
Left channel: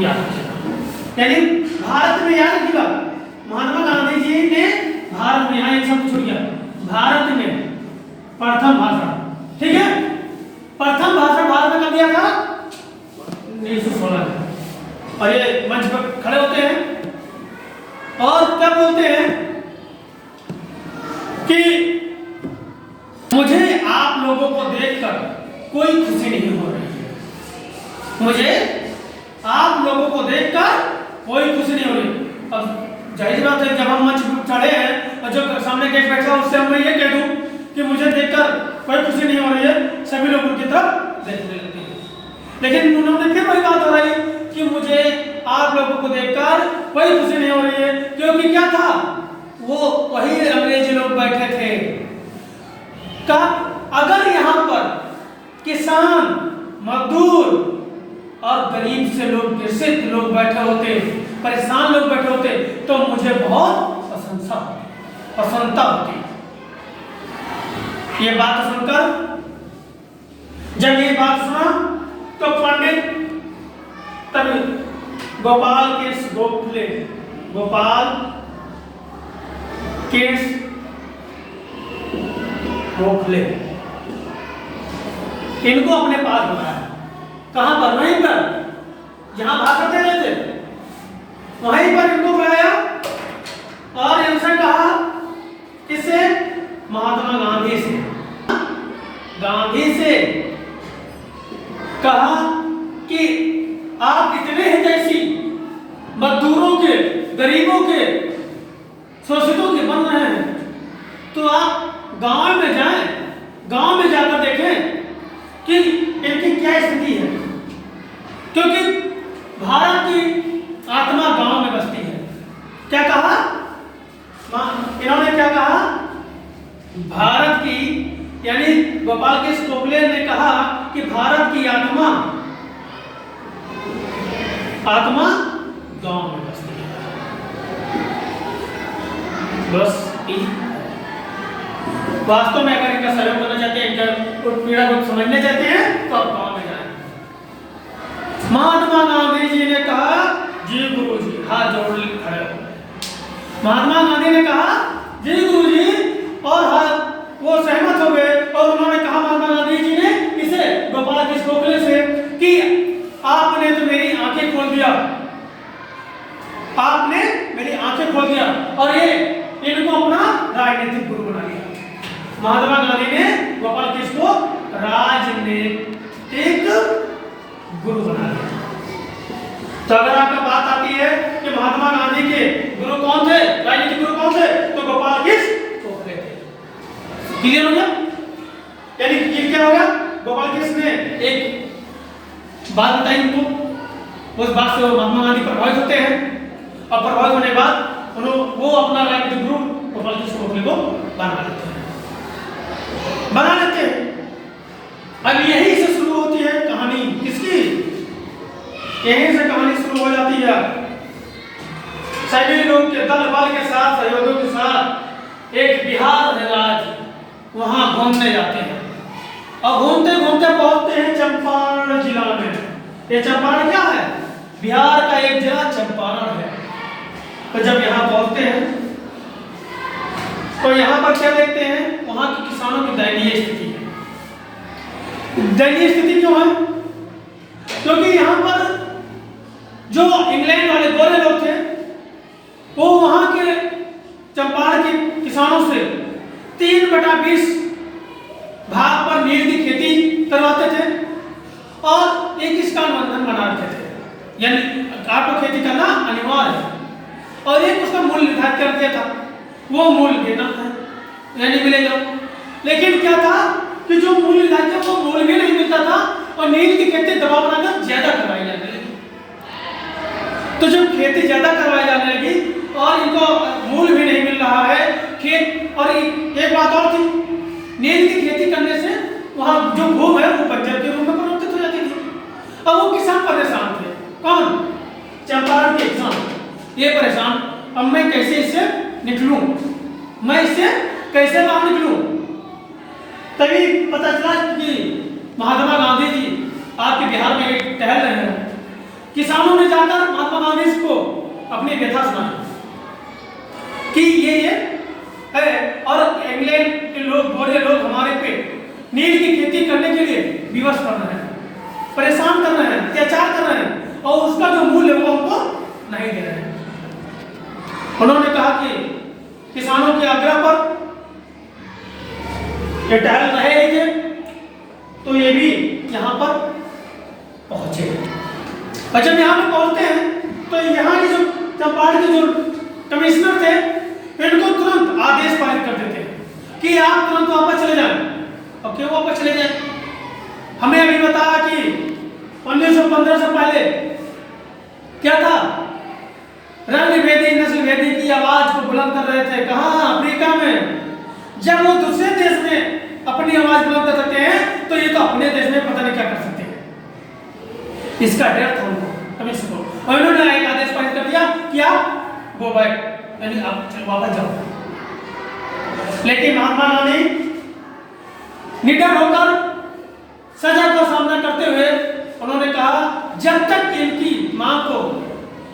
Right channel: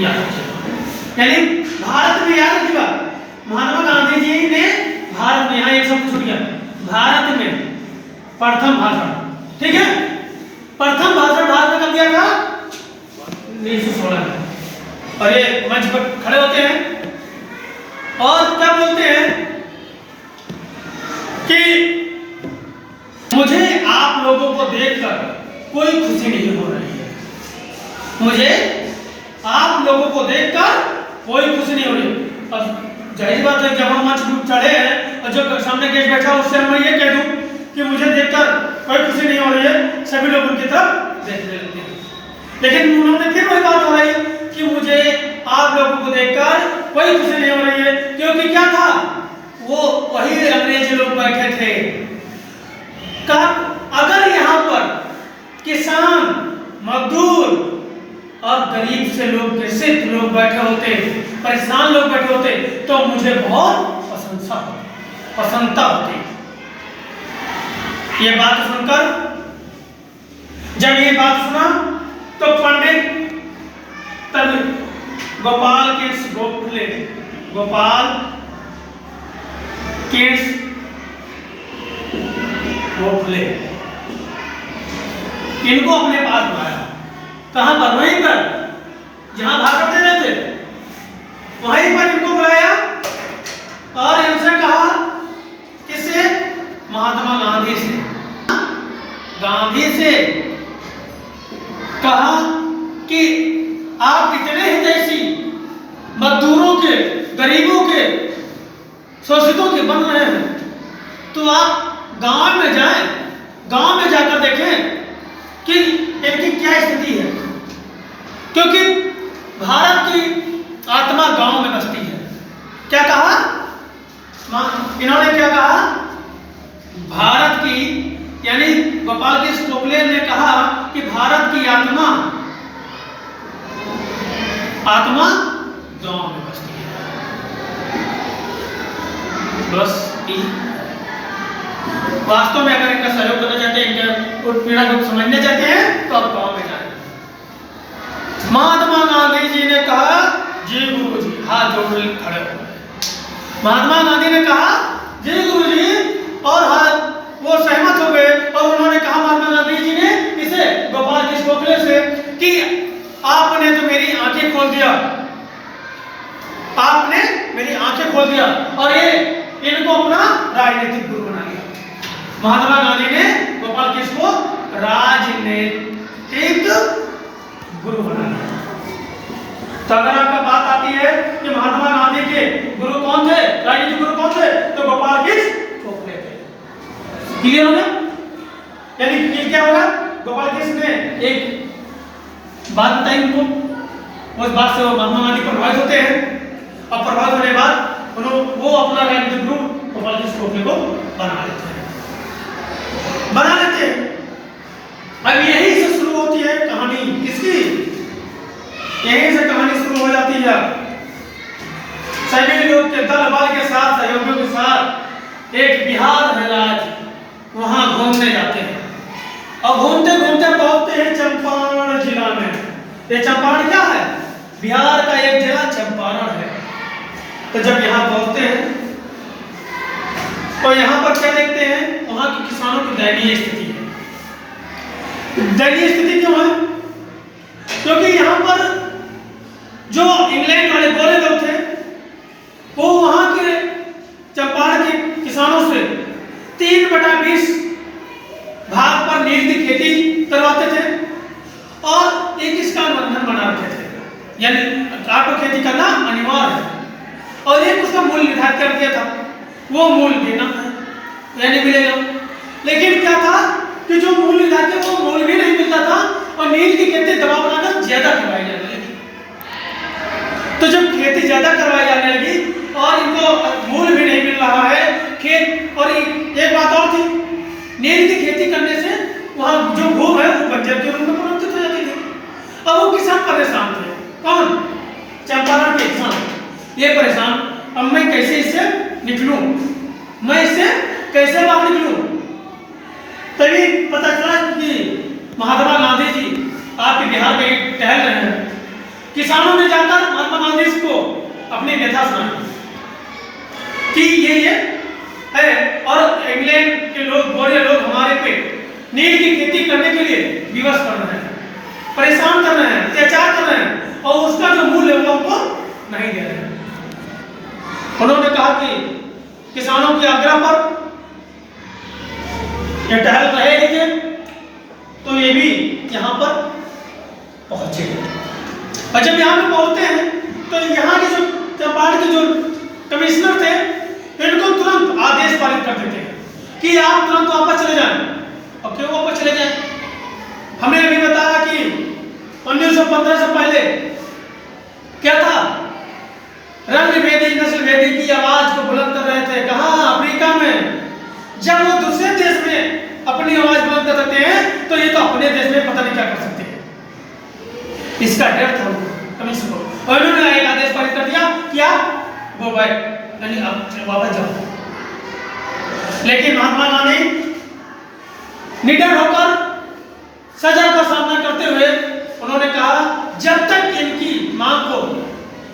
यानी भारत में, याद रखिएगा, महात्मा गांधी जी ने भारत में, यहाँ एक शब्द छूट गया, भारत में प्रथम भाषण। ठीक है, प्रथम भाषण भारत में कब दिया था? 1916 में। और ये मंच पर खड़े होते हैं और क्या बोलते हैं कि मुझे आप लोगों को देखकर कोई खुशी नहीं हो रही है। मुझे आप लोगों को देखकर कोई खुशी नहीं हो रही। अब जाहिर बात है, जब हम मंच चढ़े हैं और जो सामने गेस्ट बैठा उससे मैं ये कह दूं कि मुझे देखकर कोई खुशी नहीं हो रही है, सभी लोग उनकी तरफ देखने लगते हैं। लेकिन उन्होंने फिर वही बात दोहराई कि मुझे आप लोगों को देखकर कोई खुशी नहीं हो रही है, क्योंकि क्या था, वो वही अंग्रेज लोग बैठे थे। कब? अगर यहाँ पर किसान, मजदूर और गरीब से लोग, ग्रसित लोग बैठे होते, परेशान लोग बैठे होते, तो मुझे बहुत प्रसन्नता होती। ये बात सुनकर, जब ये बात सुना तो पंडित गोपाल कृष्ण गोखले इनको अपने पास बुलाया। कहां पर? वहीं पर जहां भाषण दे रहे थे, वहीं पर इनको बुलाया और इनसे कहा, किससे? महात्मा गांधी से कहा कि आप इतने हितैषी मजदूरों के, गरीबों के, शोषितों के बन रहे हैं, तो आप गांव में जाएं, गांव में जाकर देखें कि इनकी क्या स्थिति है। क्योंकि भारत की आत्मा गांव में बसती है। क्या कहा इन्होंने? क्या कहा? भारत की, यानी गोपाल कृष्ण गोखले ने कहा कि भारत की आत्मा गांव में बसती है। बस वास्तव में अगर इनका सहयोग करना चाहते हैं, इनका पीड़ा को समझना चाहते हैं, तो आप गांव में जाएं। महात्मा गांधी जी ने कहा, जी गुरु जी, हाथ जोड़ खड़े हो गए। महात्मा गांधी ने कहा जी गुरु जी, और हाथ वो सहमत हो गए। और उन्होंने कहा महात्मा गांधी जी ने इसे गोपाल कृष्ण गोखले से कि आपने तो मेरी आंखें खोल दिया, आपने मेरी आंखें खोल दिया और ये इनको अपना राजनीतिक गुरु बना लिया। महात्मा गांधी ने गोपाल कृष्ण को राजनीतिक गुरु बना लिया। तो अगर आपका बात आती है कि महात्मा गांधी के गुरु कौन थे, राजनीतिक गुरु कौन थे, तो गोपाल कृष्ण गोखले थे। क्लियर हो गया? यानी क्या होगा? गोपाल कृष्ण ने एक बात बताई उनको, उस बात से वो महात्मा गांधी प्रभावित होते हैं और प्रभावित होने के बाद वो अपना राजनीतिक गुरु गोपाल कृष्ण गोखले को बना लेते हैं। अब यही से शुरू होती है कहानी किसकी? यहीं से कहानी शुरू हो जाती है। सभी लोग के दल बल के साथ, सहयोगियों के साथ एक बिहार है राज्य, वहां घूमने जाते हैं और घूमते घूमते पहुंचते हैं चंपारण जिला में। ये चंपारण क्या है? बिहार का एक जिला चंपारण है। तो जब यहाँ पहुंचते हैं तो यहाँ पर क्या देखते हैं? वहां के किसानों की दयनीय स्थिति है। दयनीय स्थिति क्यों है? क्योंकि यहाँ पर जो इंग्लैंड वाले गोरे लोग थे वो वहां के चंपारण के किसानों से 3/20 भाग पर नील की खेती करवाते थे और एक इसका बंधन बना रखे थे, यानी आपको खेती करना अनिवार्य है और एक उसका मूल्य निर्धारित कर दिया था, वो मूल्य देना है यानी मिलेगा। लेकिन क्या था कि जो मूल्य निर्धारित था वो मूल्य भी नहीं मिलता था और नील की खेती दबाव बनाकर ज्यादा करवाई जाने लगी। तो जब खेती ज्यादा करवाई जाने लगी और इनको मूल्य भी नहीं मिल रहा है खेत, और एक बात और थी, नील की खेती करने से वहां जो भूमि है वो बंजर के रूप में परिवर्तित हो जाती थी। अब वो किसान परेशान थे। कौन? चंपारण के किसान ये परेशान, अब मैं कैसे इससे निकलूं, मैं इससे कैसे बाहर निकलूं? तभी पता चला कि महात्मा गांधी जी आपके बिहार में टहल रहे हैं। किसानों ने जाकर महात्मा गांधी को अपनी व्यथा सुनाई कि ये है और इंग्लैंड के लोग, गोरे लोग हमारे पे नील की खेती करने के लिए विवश कर रहे हैं, परेशान कर रहे हैं, अत्याचार कर रहे हैं और उसका जो मूल्य है वो हमको नहीं दे रहे हैं। उन्होंने कहा कि किसानों के आग्रह पर ये टहल रहे थे तो ये भी यहाँ पर पहुंचे। और जब यहाँ पे पहुंचते हैं तो यहाँ के जो चंपारण के जो कमिश्नर थे इनको तुरंत आदेश पारित कर देते हैं कि आप तुरंत वापस चले जाएं। अब क्यों वापस चले जाएं? हमने अभी बताया कि 1915 से पहले क्या था? रंग भेदी नस्ल भेदी की आवाज को बुलंद कर रहे थे। कहाँ? अफ्रीका में। जब वो दूसरे देश में अपनी आवाज बुलंद कर सकते हैं तो ये तो अपने देश में पता नहीं क्या कर सकते हैं। इसका डर था उनको, कमिश्नर को, और उन्होंने एक आदेश पारित कर दिया कि आप गो बैक, यानी आप वापस जाओ। लेकिन महात्मा गांधी निडर होकर सजा का सामना करते हुए उन्होंने कहा जब तक इनकी मांग को,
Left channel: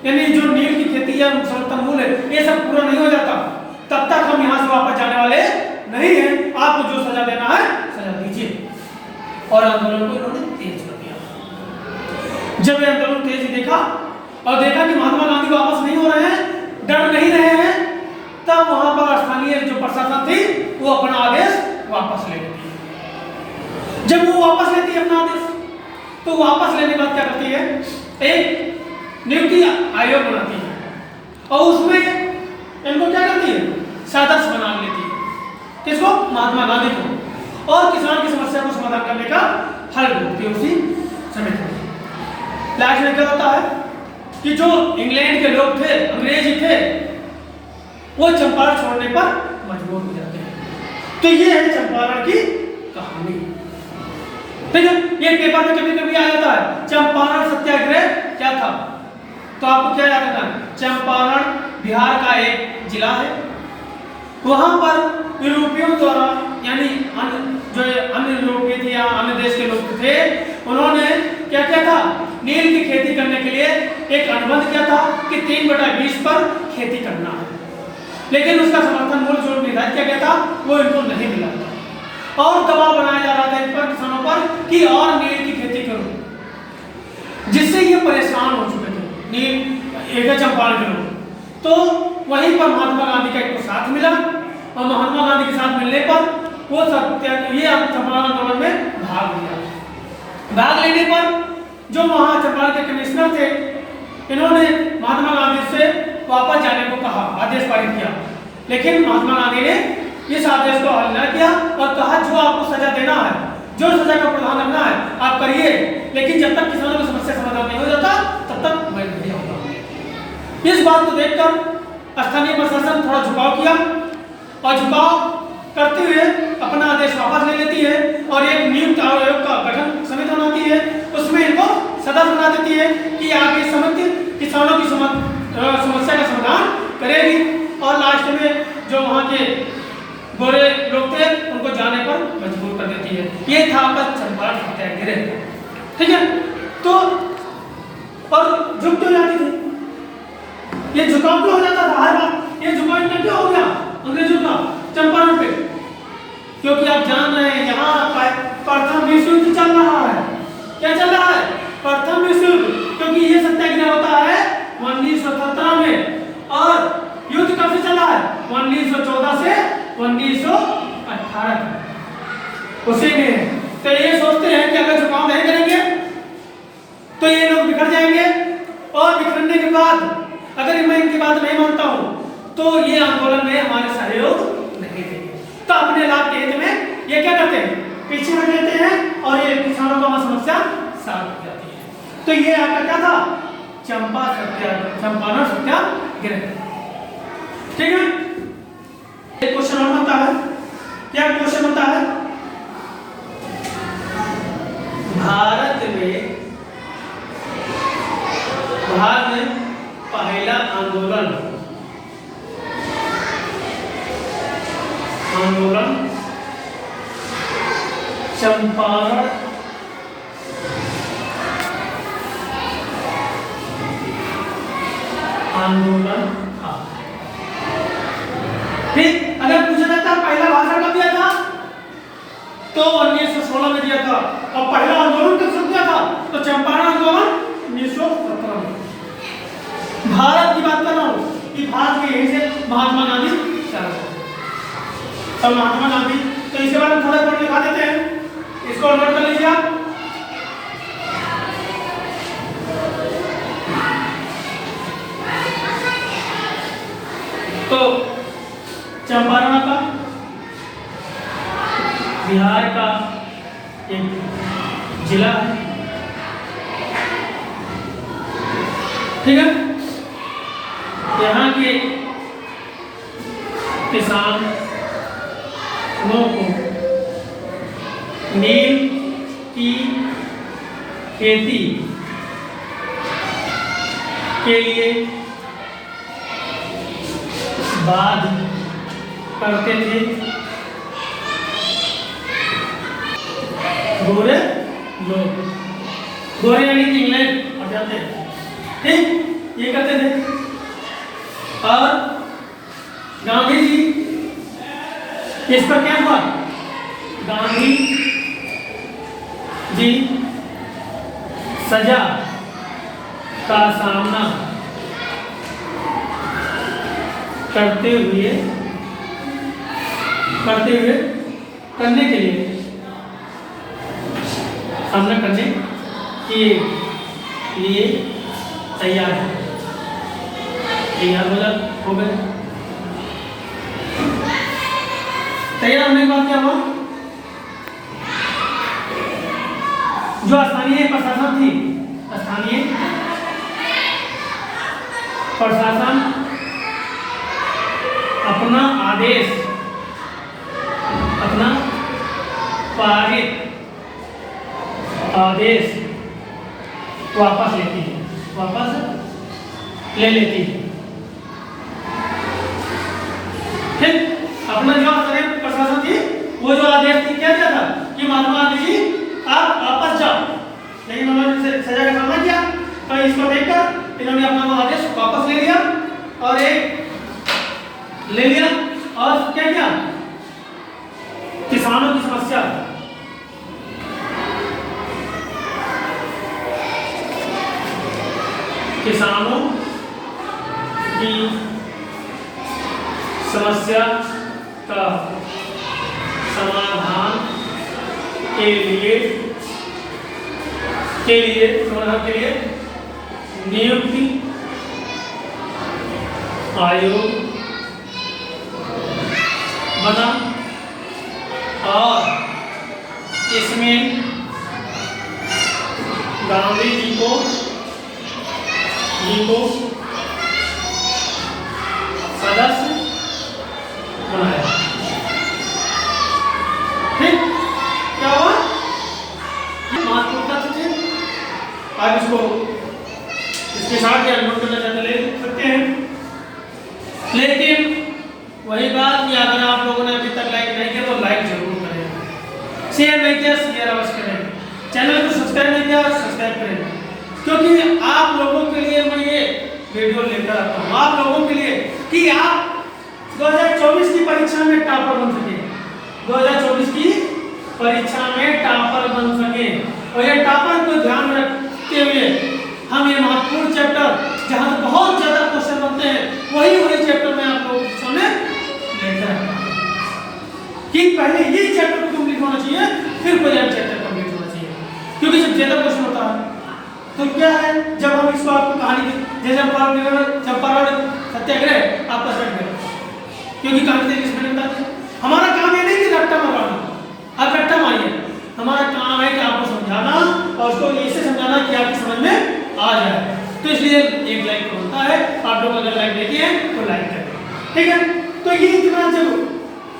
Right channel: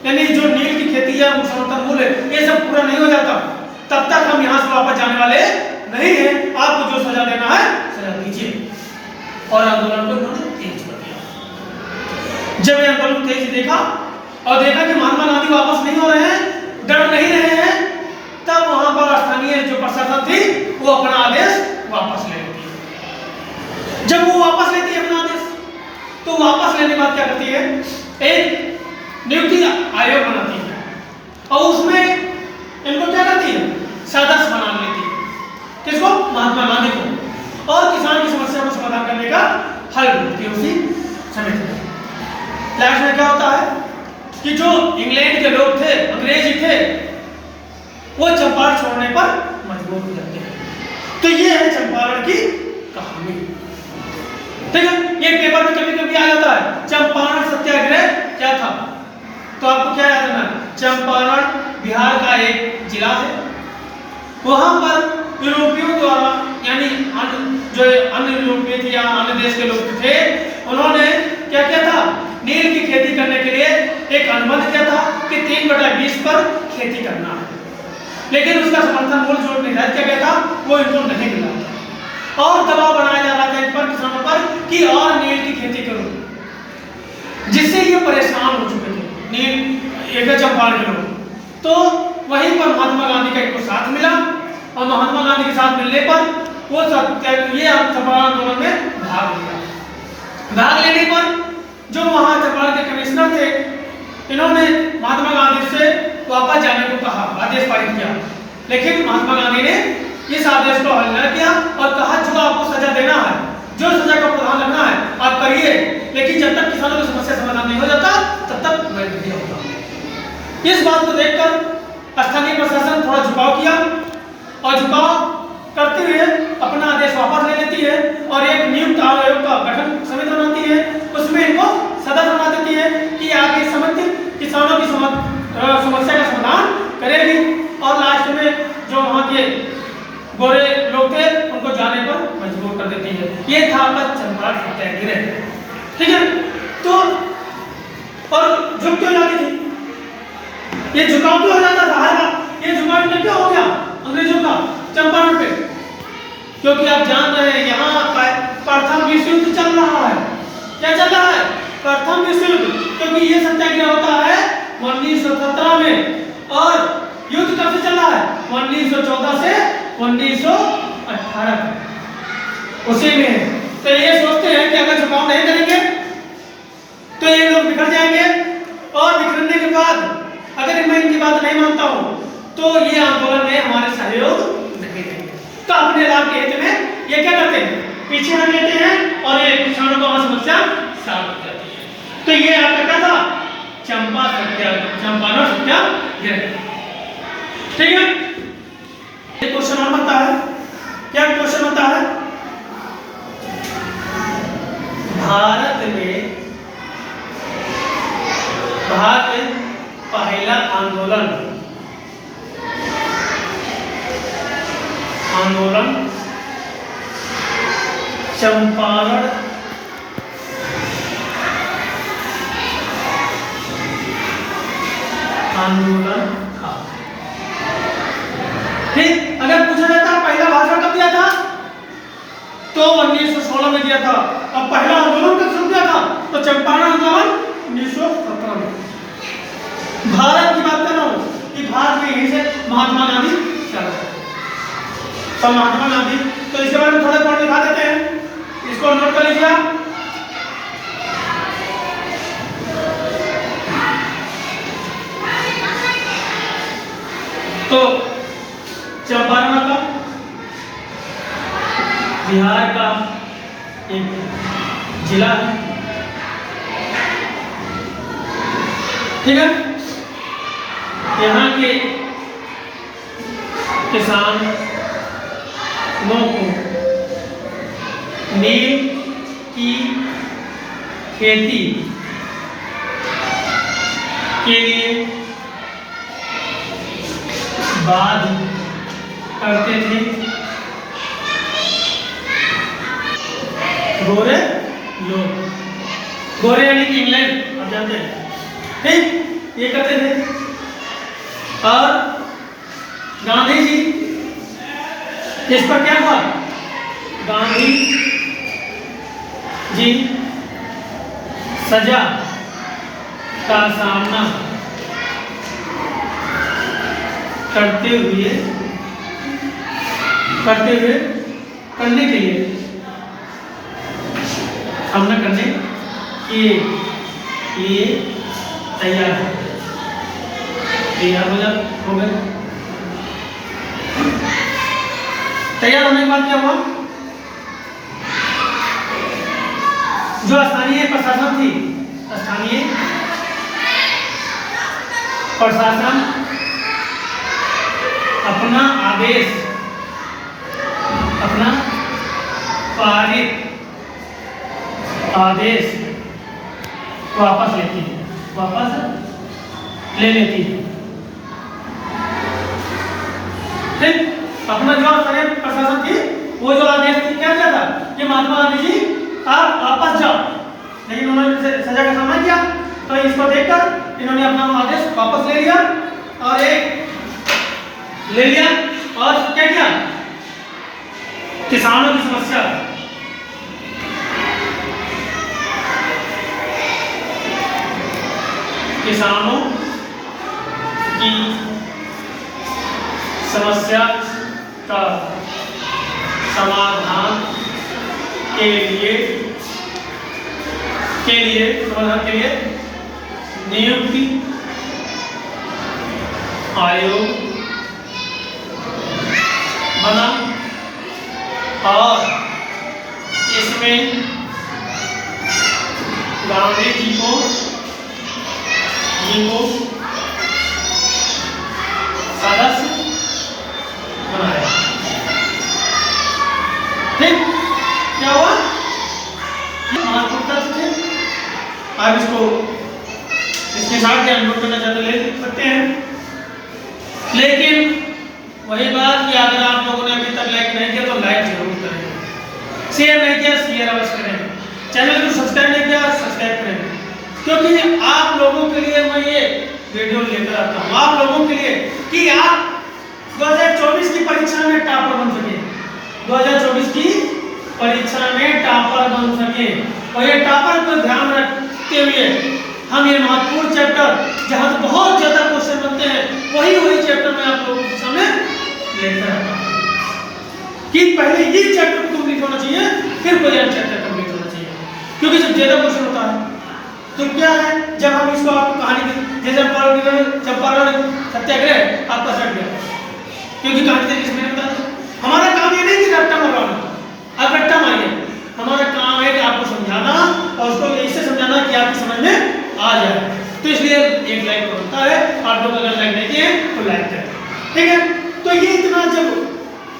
यानी जो नील की खेती या समर्थन मूल्य ये सब पूरा नहीं हो जाता तब तक हम यहाँ से वापस जाने वाले नहीं है। आपको जो सजा देना है सजा दीजिए। और आंदोलन को इन्होंने तेज कर दिया। जब ये आंदोलन तेज देखा और देखा कि महात्मा गांधी वापस नहीं हो रहे हैं, डर नहीं रहे हैं, तब वहां पर स्थानीय जो प्रशासन थी वो अपना आदेश वापस ले लेती है। जब वो वापस लेती है अपना आदेश तो वापस लेने के बाद क्या करती है? एक नियुक्ति आयोग बनाती है और उसमें इनको क्या करती है? सदस्य बना लेती है। किसको? महात्मा गांधी को। और किसान की समस्या को समाधान करने का हल ढूंढती है उसी समिति में। लास्ट में क्या होता है कि जो इंग्लैंड के लोग थे, अंग्रेजी थे, वो चंपारण छोड़ने पर मजबूर हो जाते हैं। तो ये है चंपारण की कहानी। ठीक है, ये पेपर में कभी कभी आ जाता है चंपारण सत्याग्रह क्या था, तो आपको क्या याद रखना, चंपारण बिहार का एक जिला है। वहां पर यूरोपियों द्वारा, यानी जो अन्य यूरोपीय थे या अन्य देश के लोग थे, उन्होंने क्या किया था, नील की खेती करने के लिए एक अनुबंध किया था कि 3/20 पर खेती करना है। लेकिन उसका समर्थन मूल जोड़ निर्धारित किया गया था, वो इनको नहीं मिला था और दबाव बनाया जा रहा था इन पर, किसानों पर, कि और नील की खेती करो, जिससे ये परेशान हो चुके थे नील एक चंपारण के लोग। तो वहीं पर महात्मा गांधी का इनको साथ मिला और महात्मा गांधी के साथ मिलने पर वो सब ये चंपारण आंदोलन में भाग लिया। भाग लेने पर जो वहां चंपारण के कमिश्नर थे, इन्होंने महात्मा गांधी से वापस जाने को कहा, आदेश पारित किया। लेकिन महात्मा गांधी ने इस आदेश को हल न किया और कहा जो आपको सजा देना है, जो सजा का प्रावधान रखना है आप करिए, लेकिन जब तक किसानों की समस्या समाधान नहीं हो जाता तब तक मैं नहीं होता। इस बात को देखकर स्थानीय प्रशासन थोड़ा झुकाव किया और झुकाव करते हुए अपना आदेश वापस ले लेती है और एक नियुक्त आयोग का गठन समिति बनाती है। उसमें इनको सदस्य बना देती है कि आगे समिति किसानों की समस्या का समाधान करेगी और लास्ट में जो वहाँ के गोरे लोग थे उनको जाने पर मजबूर कर देती है। ये था चंपारण सत्याग्रह। ठीक है, तो और झुक क्यों जाती थी, ये झुकाव क्यों हो जाता था हर बार, ये झुकाव में क्यों हो गया अंग्रेजों का चंपारण पे, क्योंकि आप जान रहे हैं यहाँ प्रथम विश्व युद्ध चल रहा है। क्या चल रहा है, प्रथम विश्व युद्ध, क्योंकि ये सत्याग्रह होता है 1917 में और युद्ध कब से चल रहा है, 1914 से 1918 उसी में। तो ये सोचते हैं कि अगर झुकाव नहीं करेंगे तो ये लोग बिखर जाएंगे और बिखरने के बाद अगर मैं इनकी बात नहीं मानता हूं तो ये आंदोलन में हमारे सहयोग नहीं देंगे। तो अपने लाभ के हित में ये क्या करते हैं, पीछे हट लेते हैं और ये किसानों का समस्या साफ हो जाती है। तो ये आपका क्या था, चंपारण सत्याग्रह। ठीक है, एक क्वेश्चन और बनता है। क्या क्वेश्चन बनता है, भारत में पहला आंदोलन चंपारण आंदोलन था। ठीक, अगर पूछा जाता पहला भाषण कब दिया था तो 1916 में दिया था और पहला आंदोलन कब शुरू किया था तो चंपारण आंदोलन 1917 में। भारत की बात कर रहा हूं कि भारत में यहीं से महात्मा गांधी चला और महात्मा गांधी, तो इसके बारे में थोड़ा पॉइंट दिखा देते हैं, इसको नोट कर लीजिए आप। तो चंपारण का बिहार का एक जिला है। ठीक है, यहाँ के किसानों को नील की खेती के लिए बाध करते थे गोरे लोग, गोरे यानी कि इंग्लैंड आप जानते हैं। ठीक, ये करते थे और गांधी जी इस पर क्या हुआ, गांधी जी सजा का सामना करने के लिए सामना करने के लिए तैयार हो गए। तैयार होने के बाद क्या हुआ, जो स्थानीय प्रशासन थी स्थानीय प्रशासन अपना आदेश, अपना पारित आदेश वापस लेती है, वापस ले लेती है। ठीक, अपना जो प्रशासन की वो जो आदेश थी क्या था कि महात्मा गांधी जी आप वापस जाओ, लेकिन उन्होंने सजा का सामना किया, तो इसको देखकर इन्होंने अपना वो आदेश वापस ले लिया और और क्या किया, किसानों की समस्या, किसानों की समस्या का समाधान के लिए नियुक्ति आयोग बना और इसमें गांधी जी को सदस्य बनाया। ठीक, क्या हुआ, ये महत्वपूर्ण तथ्य थे। आप इसको इसके साथ क्या नोट करना चाहते ले सकते हैं, लेकिन वही बात कि अगर आप लोगों ने अभी तक लाइक नहीं किया तो लाइक जरूर करें, शेयर नहीं किया शेयर अवश्य करें, चैनल को सब्सक्राइब नहीं किया सब्सक्राइब करें, क्योंकि आप लोगों के लिए मैं ये वीडियो लेकर आता हूँ, आप लोगों के लिए कि आप 2024 की परीक्षा में टॉपर बन सके, 2024 की परीक्षा में टॉपर बन सके। और ये टॉपर को ध्यान रखते हुए हम ये महत्वपूर्ण चैप्टर जहाँ बहुत ज्यादा क्वेश्चन बनते हैं वही चैप्टर में आप लोगों के सामने लेकर आता हूँ कि पहले ये चैप्टर कंप्लीट होना चाहिए, फिर कोई अन्य चैप्टर कंप्लीट होना चाहिए, क्योंकि जब ज्यादा क्वेश्चन होता है तो क्या है, जब हम इसको आपको कहानी जैसे चंपारण सत्याग्रह आपका सट गया, क्योंकि कहानी तरीके से मैंने बता दिया। हमारा काम ये नहीं कि रट्टा मरवाना, आप रट्टा मारिए, हमारा काम है कि आपको समझाना और उसको ऐसे समझाना कि आपकी समझ में आ जाए। तो इसलिए एक लाइक बनता है, आप लोग अगर लाइक देते हैं तो लाइक करें, ठीक है। तो ये इतना जब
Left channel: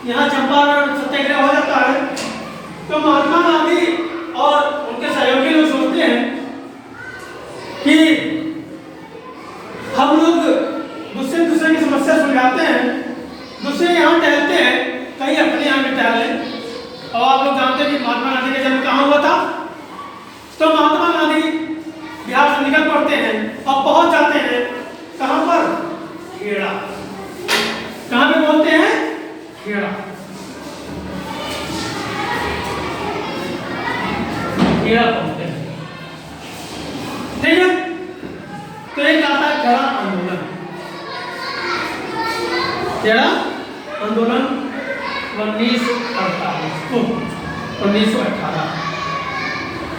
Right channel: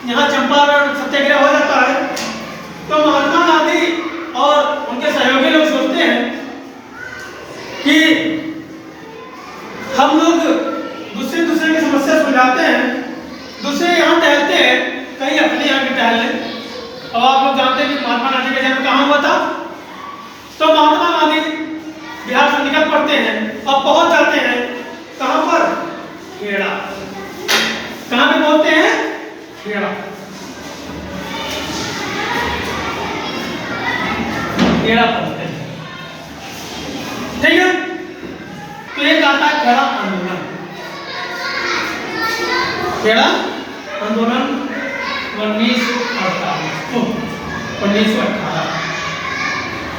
यहाँ चंपारण सत्याग्रह हो जाता है तो महात्मा गांधी और उनके सहयोगी लोग सोचते हैं कि हम लोग दूसरे की समस्या सुलझाते हैं, दूसरे यहाँ टहलते हैं, कहीं अपने यहाँ भी टहल लें। और आप लोग जानते हैं कि महात्मा गांधी का जन्म कहाँ हुआ था, तो महात्मा गांधी बिहार से निकल पड़ते हैं और पहुंच जाते हैं कहाँ पर, खेड़ा। कहाँ पे पहुंचते हैं, खेड़ा। खेड़ा पहुंचते हैं, ठीक है। तो एक आता है खेड़ा आंदोलन, खेड़ा आंदोलन 1948 को 1918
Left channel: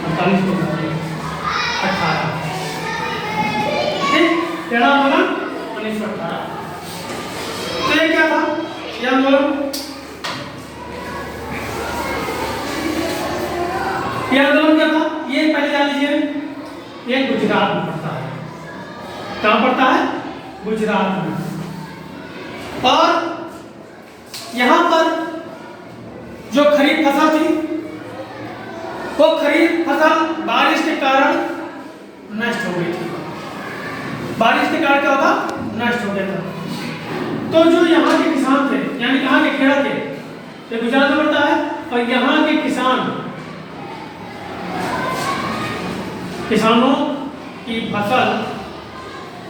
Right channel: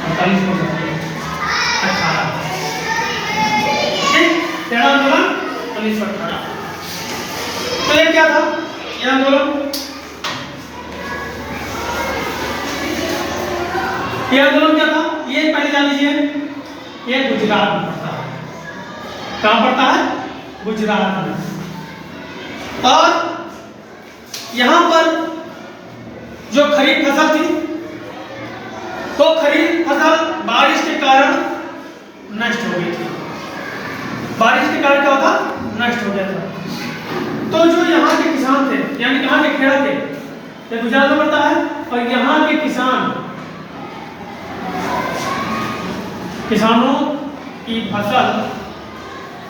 48 को 18, ठीक, खेड़ा आंदोलन 1918। तो ये क्या था, ये आंदोलन क्या था, ये पहले जान लीजिए, ये गुजरात में पड़ता है। कहाँ पड़ता है, गुजरात में। और यहाँ पर जो खरीफ फसल थी वो खरीफ फसल बारिश के कारण नष्ट हो गई थी। बारिश के कारण क्या होता, नष्ट हो गया था। तो जो यहाँ के किसान थे, यानी कहाँ के, खेड़ा के, ये गुजरात में पड़ता है, और यहाँ के किसानों की फसल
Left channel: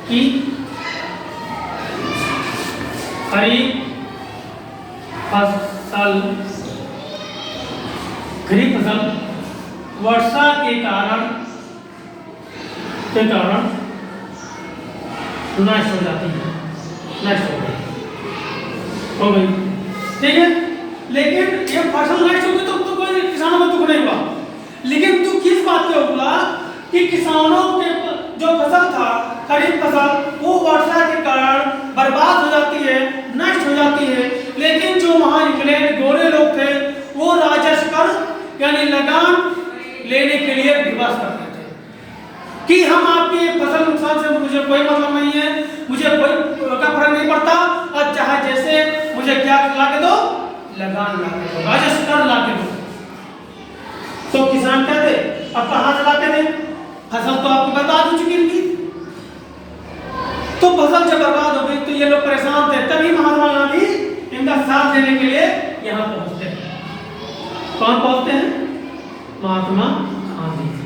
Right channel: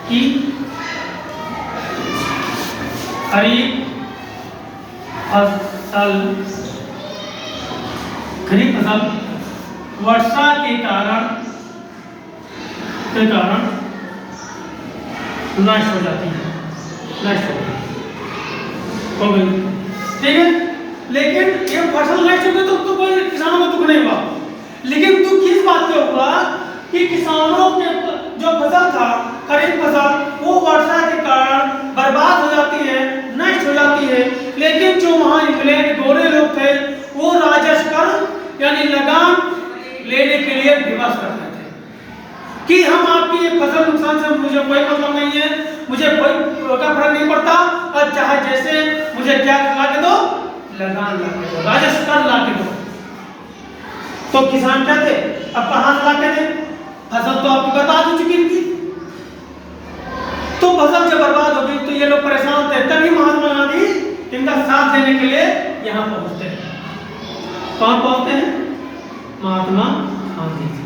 की खरीफ फसल वर्षा के कारण नष्ट हो जाती है, नष्ट हो गई, ठीक है। लेकिन ये फसल नष्ट हो गई तो कोई किसानों को दुख नहीं हुआ, लेकिन दुख किस बात पे हुआ कि किसानों के जो फसल था, खरीफ फसल, वो वर्षा के कारण बर्बाद हो जाती है, नष्ट हो जाती है। लेकिन जो वहाँ इंग्लैंड गोरे लोग थे वो राजस्व कर यानी लगान लेने के लिए विवश करते थे। कि हम आपकी फसल नुकसान से मुझे कोई मतलब नहीं है, मुझे कोई का फर्क नहीं पड़ता, और चाहे जैसे मुझे क्या ला के दो, लगान ला के दो, राजस्व कर ला के दो। तो किसान क्या थे, अब कहां से ला के दे, फसल तो आपको बर्बाद हो चुकी थी। तो फसल जब बर्बाद हो गई तो ये लोग परेशान थे, तभी महात्मा गांधी इनका साथ देने के लिए यहाँ पहुंचते हैं। कौन पहुंचते हैं? महात्मा गांधी जी।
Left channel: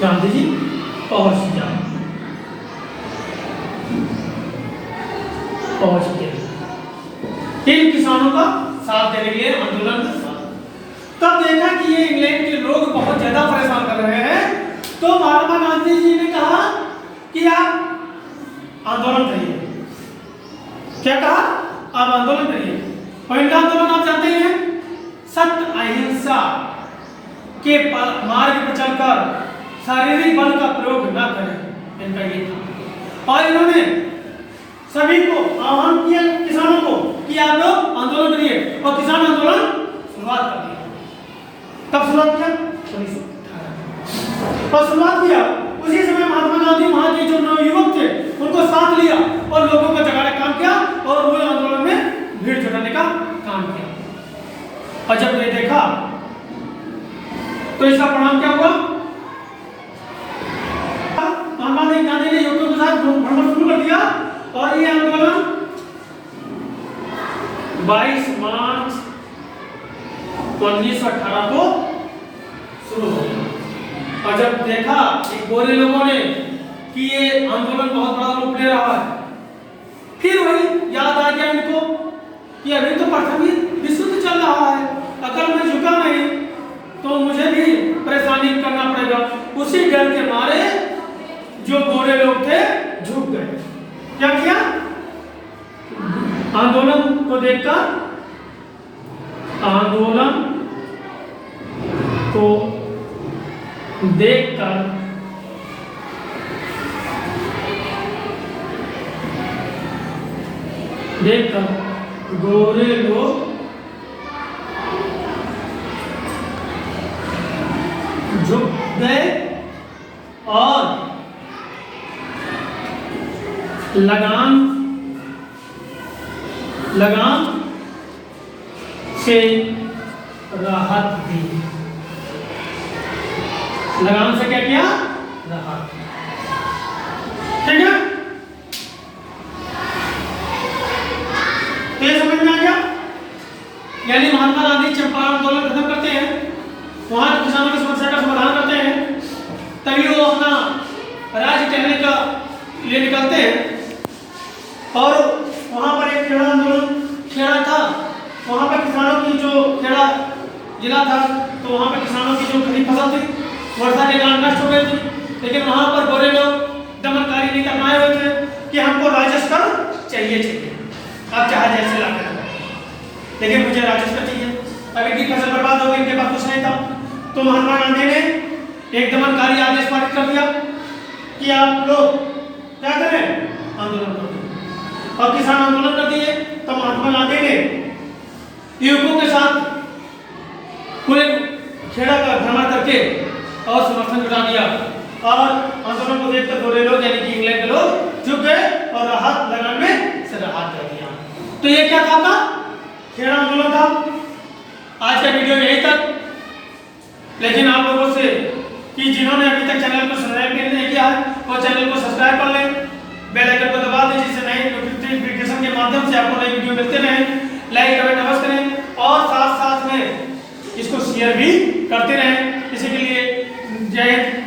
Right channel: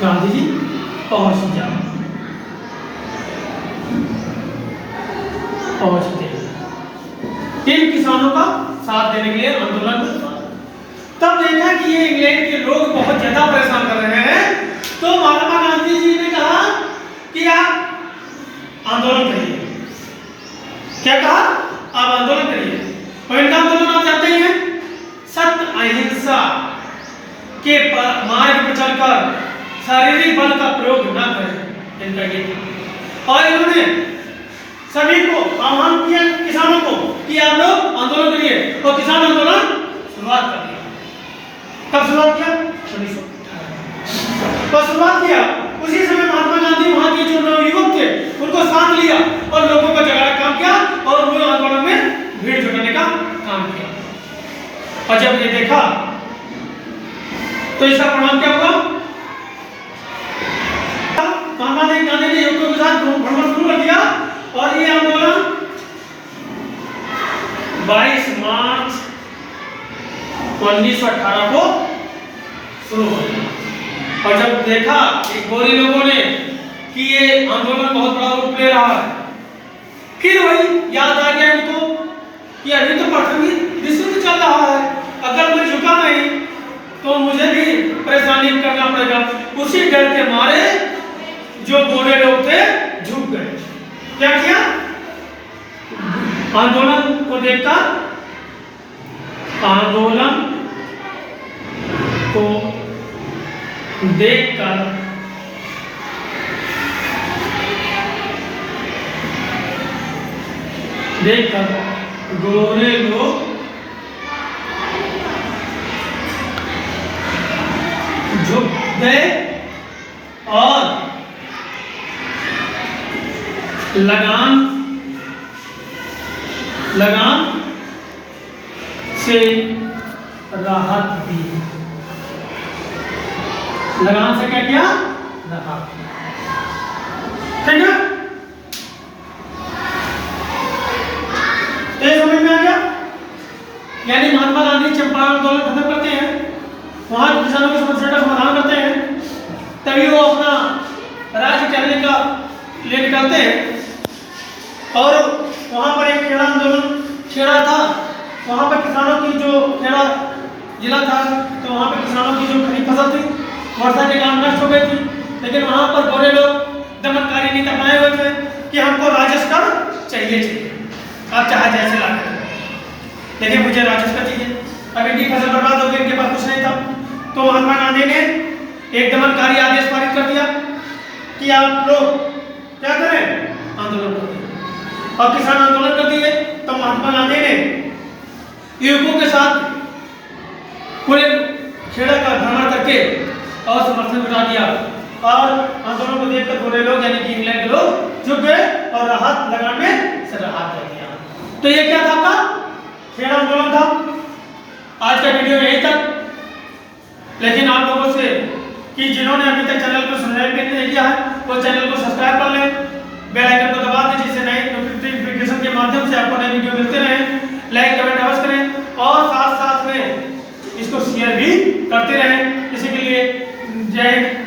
गांधी जी पहुंचते इन किसानों का साथ देने के लिए आंदोलन करता। तब देखा कि ये इंग्लैंड के लोग बहुत ज्यादा परेशान कर रहे हैं, तो महात्मा गांधी जी ने कहा कि आप आंदोलन करिए। क्या कहा? आप आंदोलन करिए। और इनका आंदोलन आप जानते हैं, सत्य अहिंसा के मार्ग पर चलकर शारीरिक बल का प्रयोग न करें, इनका ये था। और इन्होंने सभी को आह्वान किया, किसानों को, कि आप लोग आंदोलन करिए, और किसान आंदोलन शुरुआत कर दिया। कब शुरुआत किया? 1918 पर शुरुआत किया। उसी समय महात्मा गांधी वहां के जो नवयुवक थे उनको साथ लिया और लोगों को जगाने का काम किया, और वो आंदोलन में भीड़ जुटाने का काम किया। और जब ये देखा तो इसका परिणाम क्या हुआ? महात्मा गांधी ने युवकों के साथ भ्रमण शुरू कर दिया, और ये आंदोलन 22 मार्च 1918 को शुरू हो गया। और जब देखा कि गोरे लोगों ने कि ये आंदोलन बहुत बड़ा रूप ले रहा है, फिर वही याद आ गया इनको कि अभी तो प्रथम ही विश्व चल रहा है, अगर मैं झुका नहीं तो मुझे भी परेशानी करना पड़ेगा। उसी डर के मारे जो गोरे लोग थे झुक गए। क्या किया? आंदोलन को देखकर, आंदोलन को देखकर गोरे लोग झुक गए और लगान से राहत दी। लगान से क्या किया? राहत। ठीक है, तो ये समझ में आ गया। यानी महात्मा गांधी चंपारण आंदोलन खत्म करते हैं, वहां किसानों की समस्या का समाधान करते हैं, तभी वो अपना राज्य टहलने का लिए निकलते हैं। और वहां पर एक खेड़ा आंदोलन खेड़ा था, वहां पर किसानों की जो खेड़ा जिला था, तो वहां पर किसानों की जो खरीफ फसल थी वर्षा के कारण नष्ट हो गई थी, लेकिन वहां पर गोरे लोग दमनकारी नीति अपनाए हुए थे कि हमको राजस्व चाहिए, आप चाहे जैसे ला कर, लेकिन मुझे राजस्व चाहिए। अब इनकी फसल बर्बाद हो गई, इनके पास कुछ नहीं था, तो महात्मा गांधी ने एक दमनकारी आदेश पारित कर दिया कि आप लोग क्या करें? आंदोलन करें। और किसान आंदोलन कर दिए। तो महात्मा गांधी ने युवकों के साथ पूरे खेड़ा का भ्रमण करके और समर्थन जुटा दिया, और आंदोलन को देखकर गोरे लोग यानी कि इंग्लैंड के लोग झुक गए और राहत लगान में से राहत कर दिया। तो ये क्या था? आपका खेड़ा आंदोलन था। आज का वीडियो यही तक, लेकिन आप लोगों से कि जिन्होंने अभी तक चैनल को सब्सक्राइब नहीं किया है वो चैनल को सब्सक्राइब कर लें, बेल आइकन को दबा दें, जिससे नई नोटिफिकेशन के माध्यम से आपको नई वीडियो मिलते रहें। लाइक कमेंट अवश्य करें, और साथ साथ में इसको शेयर भी करते रहें। इसी के लिए जय हिंद।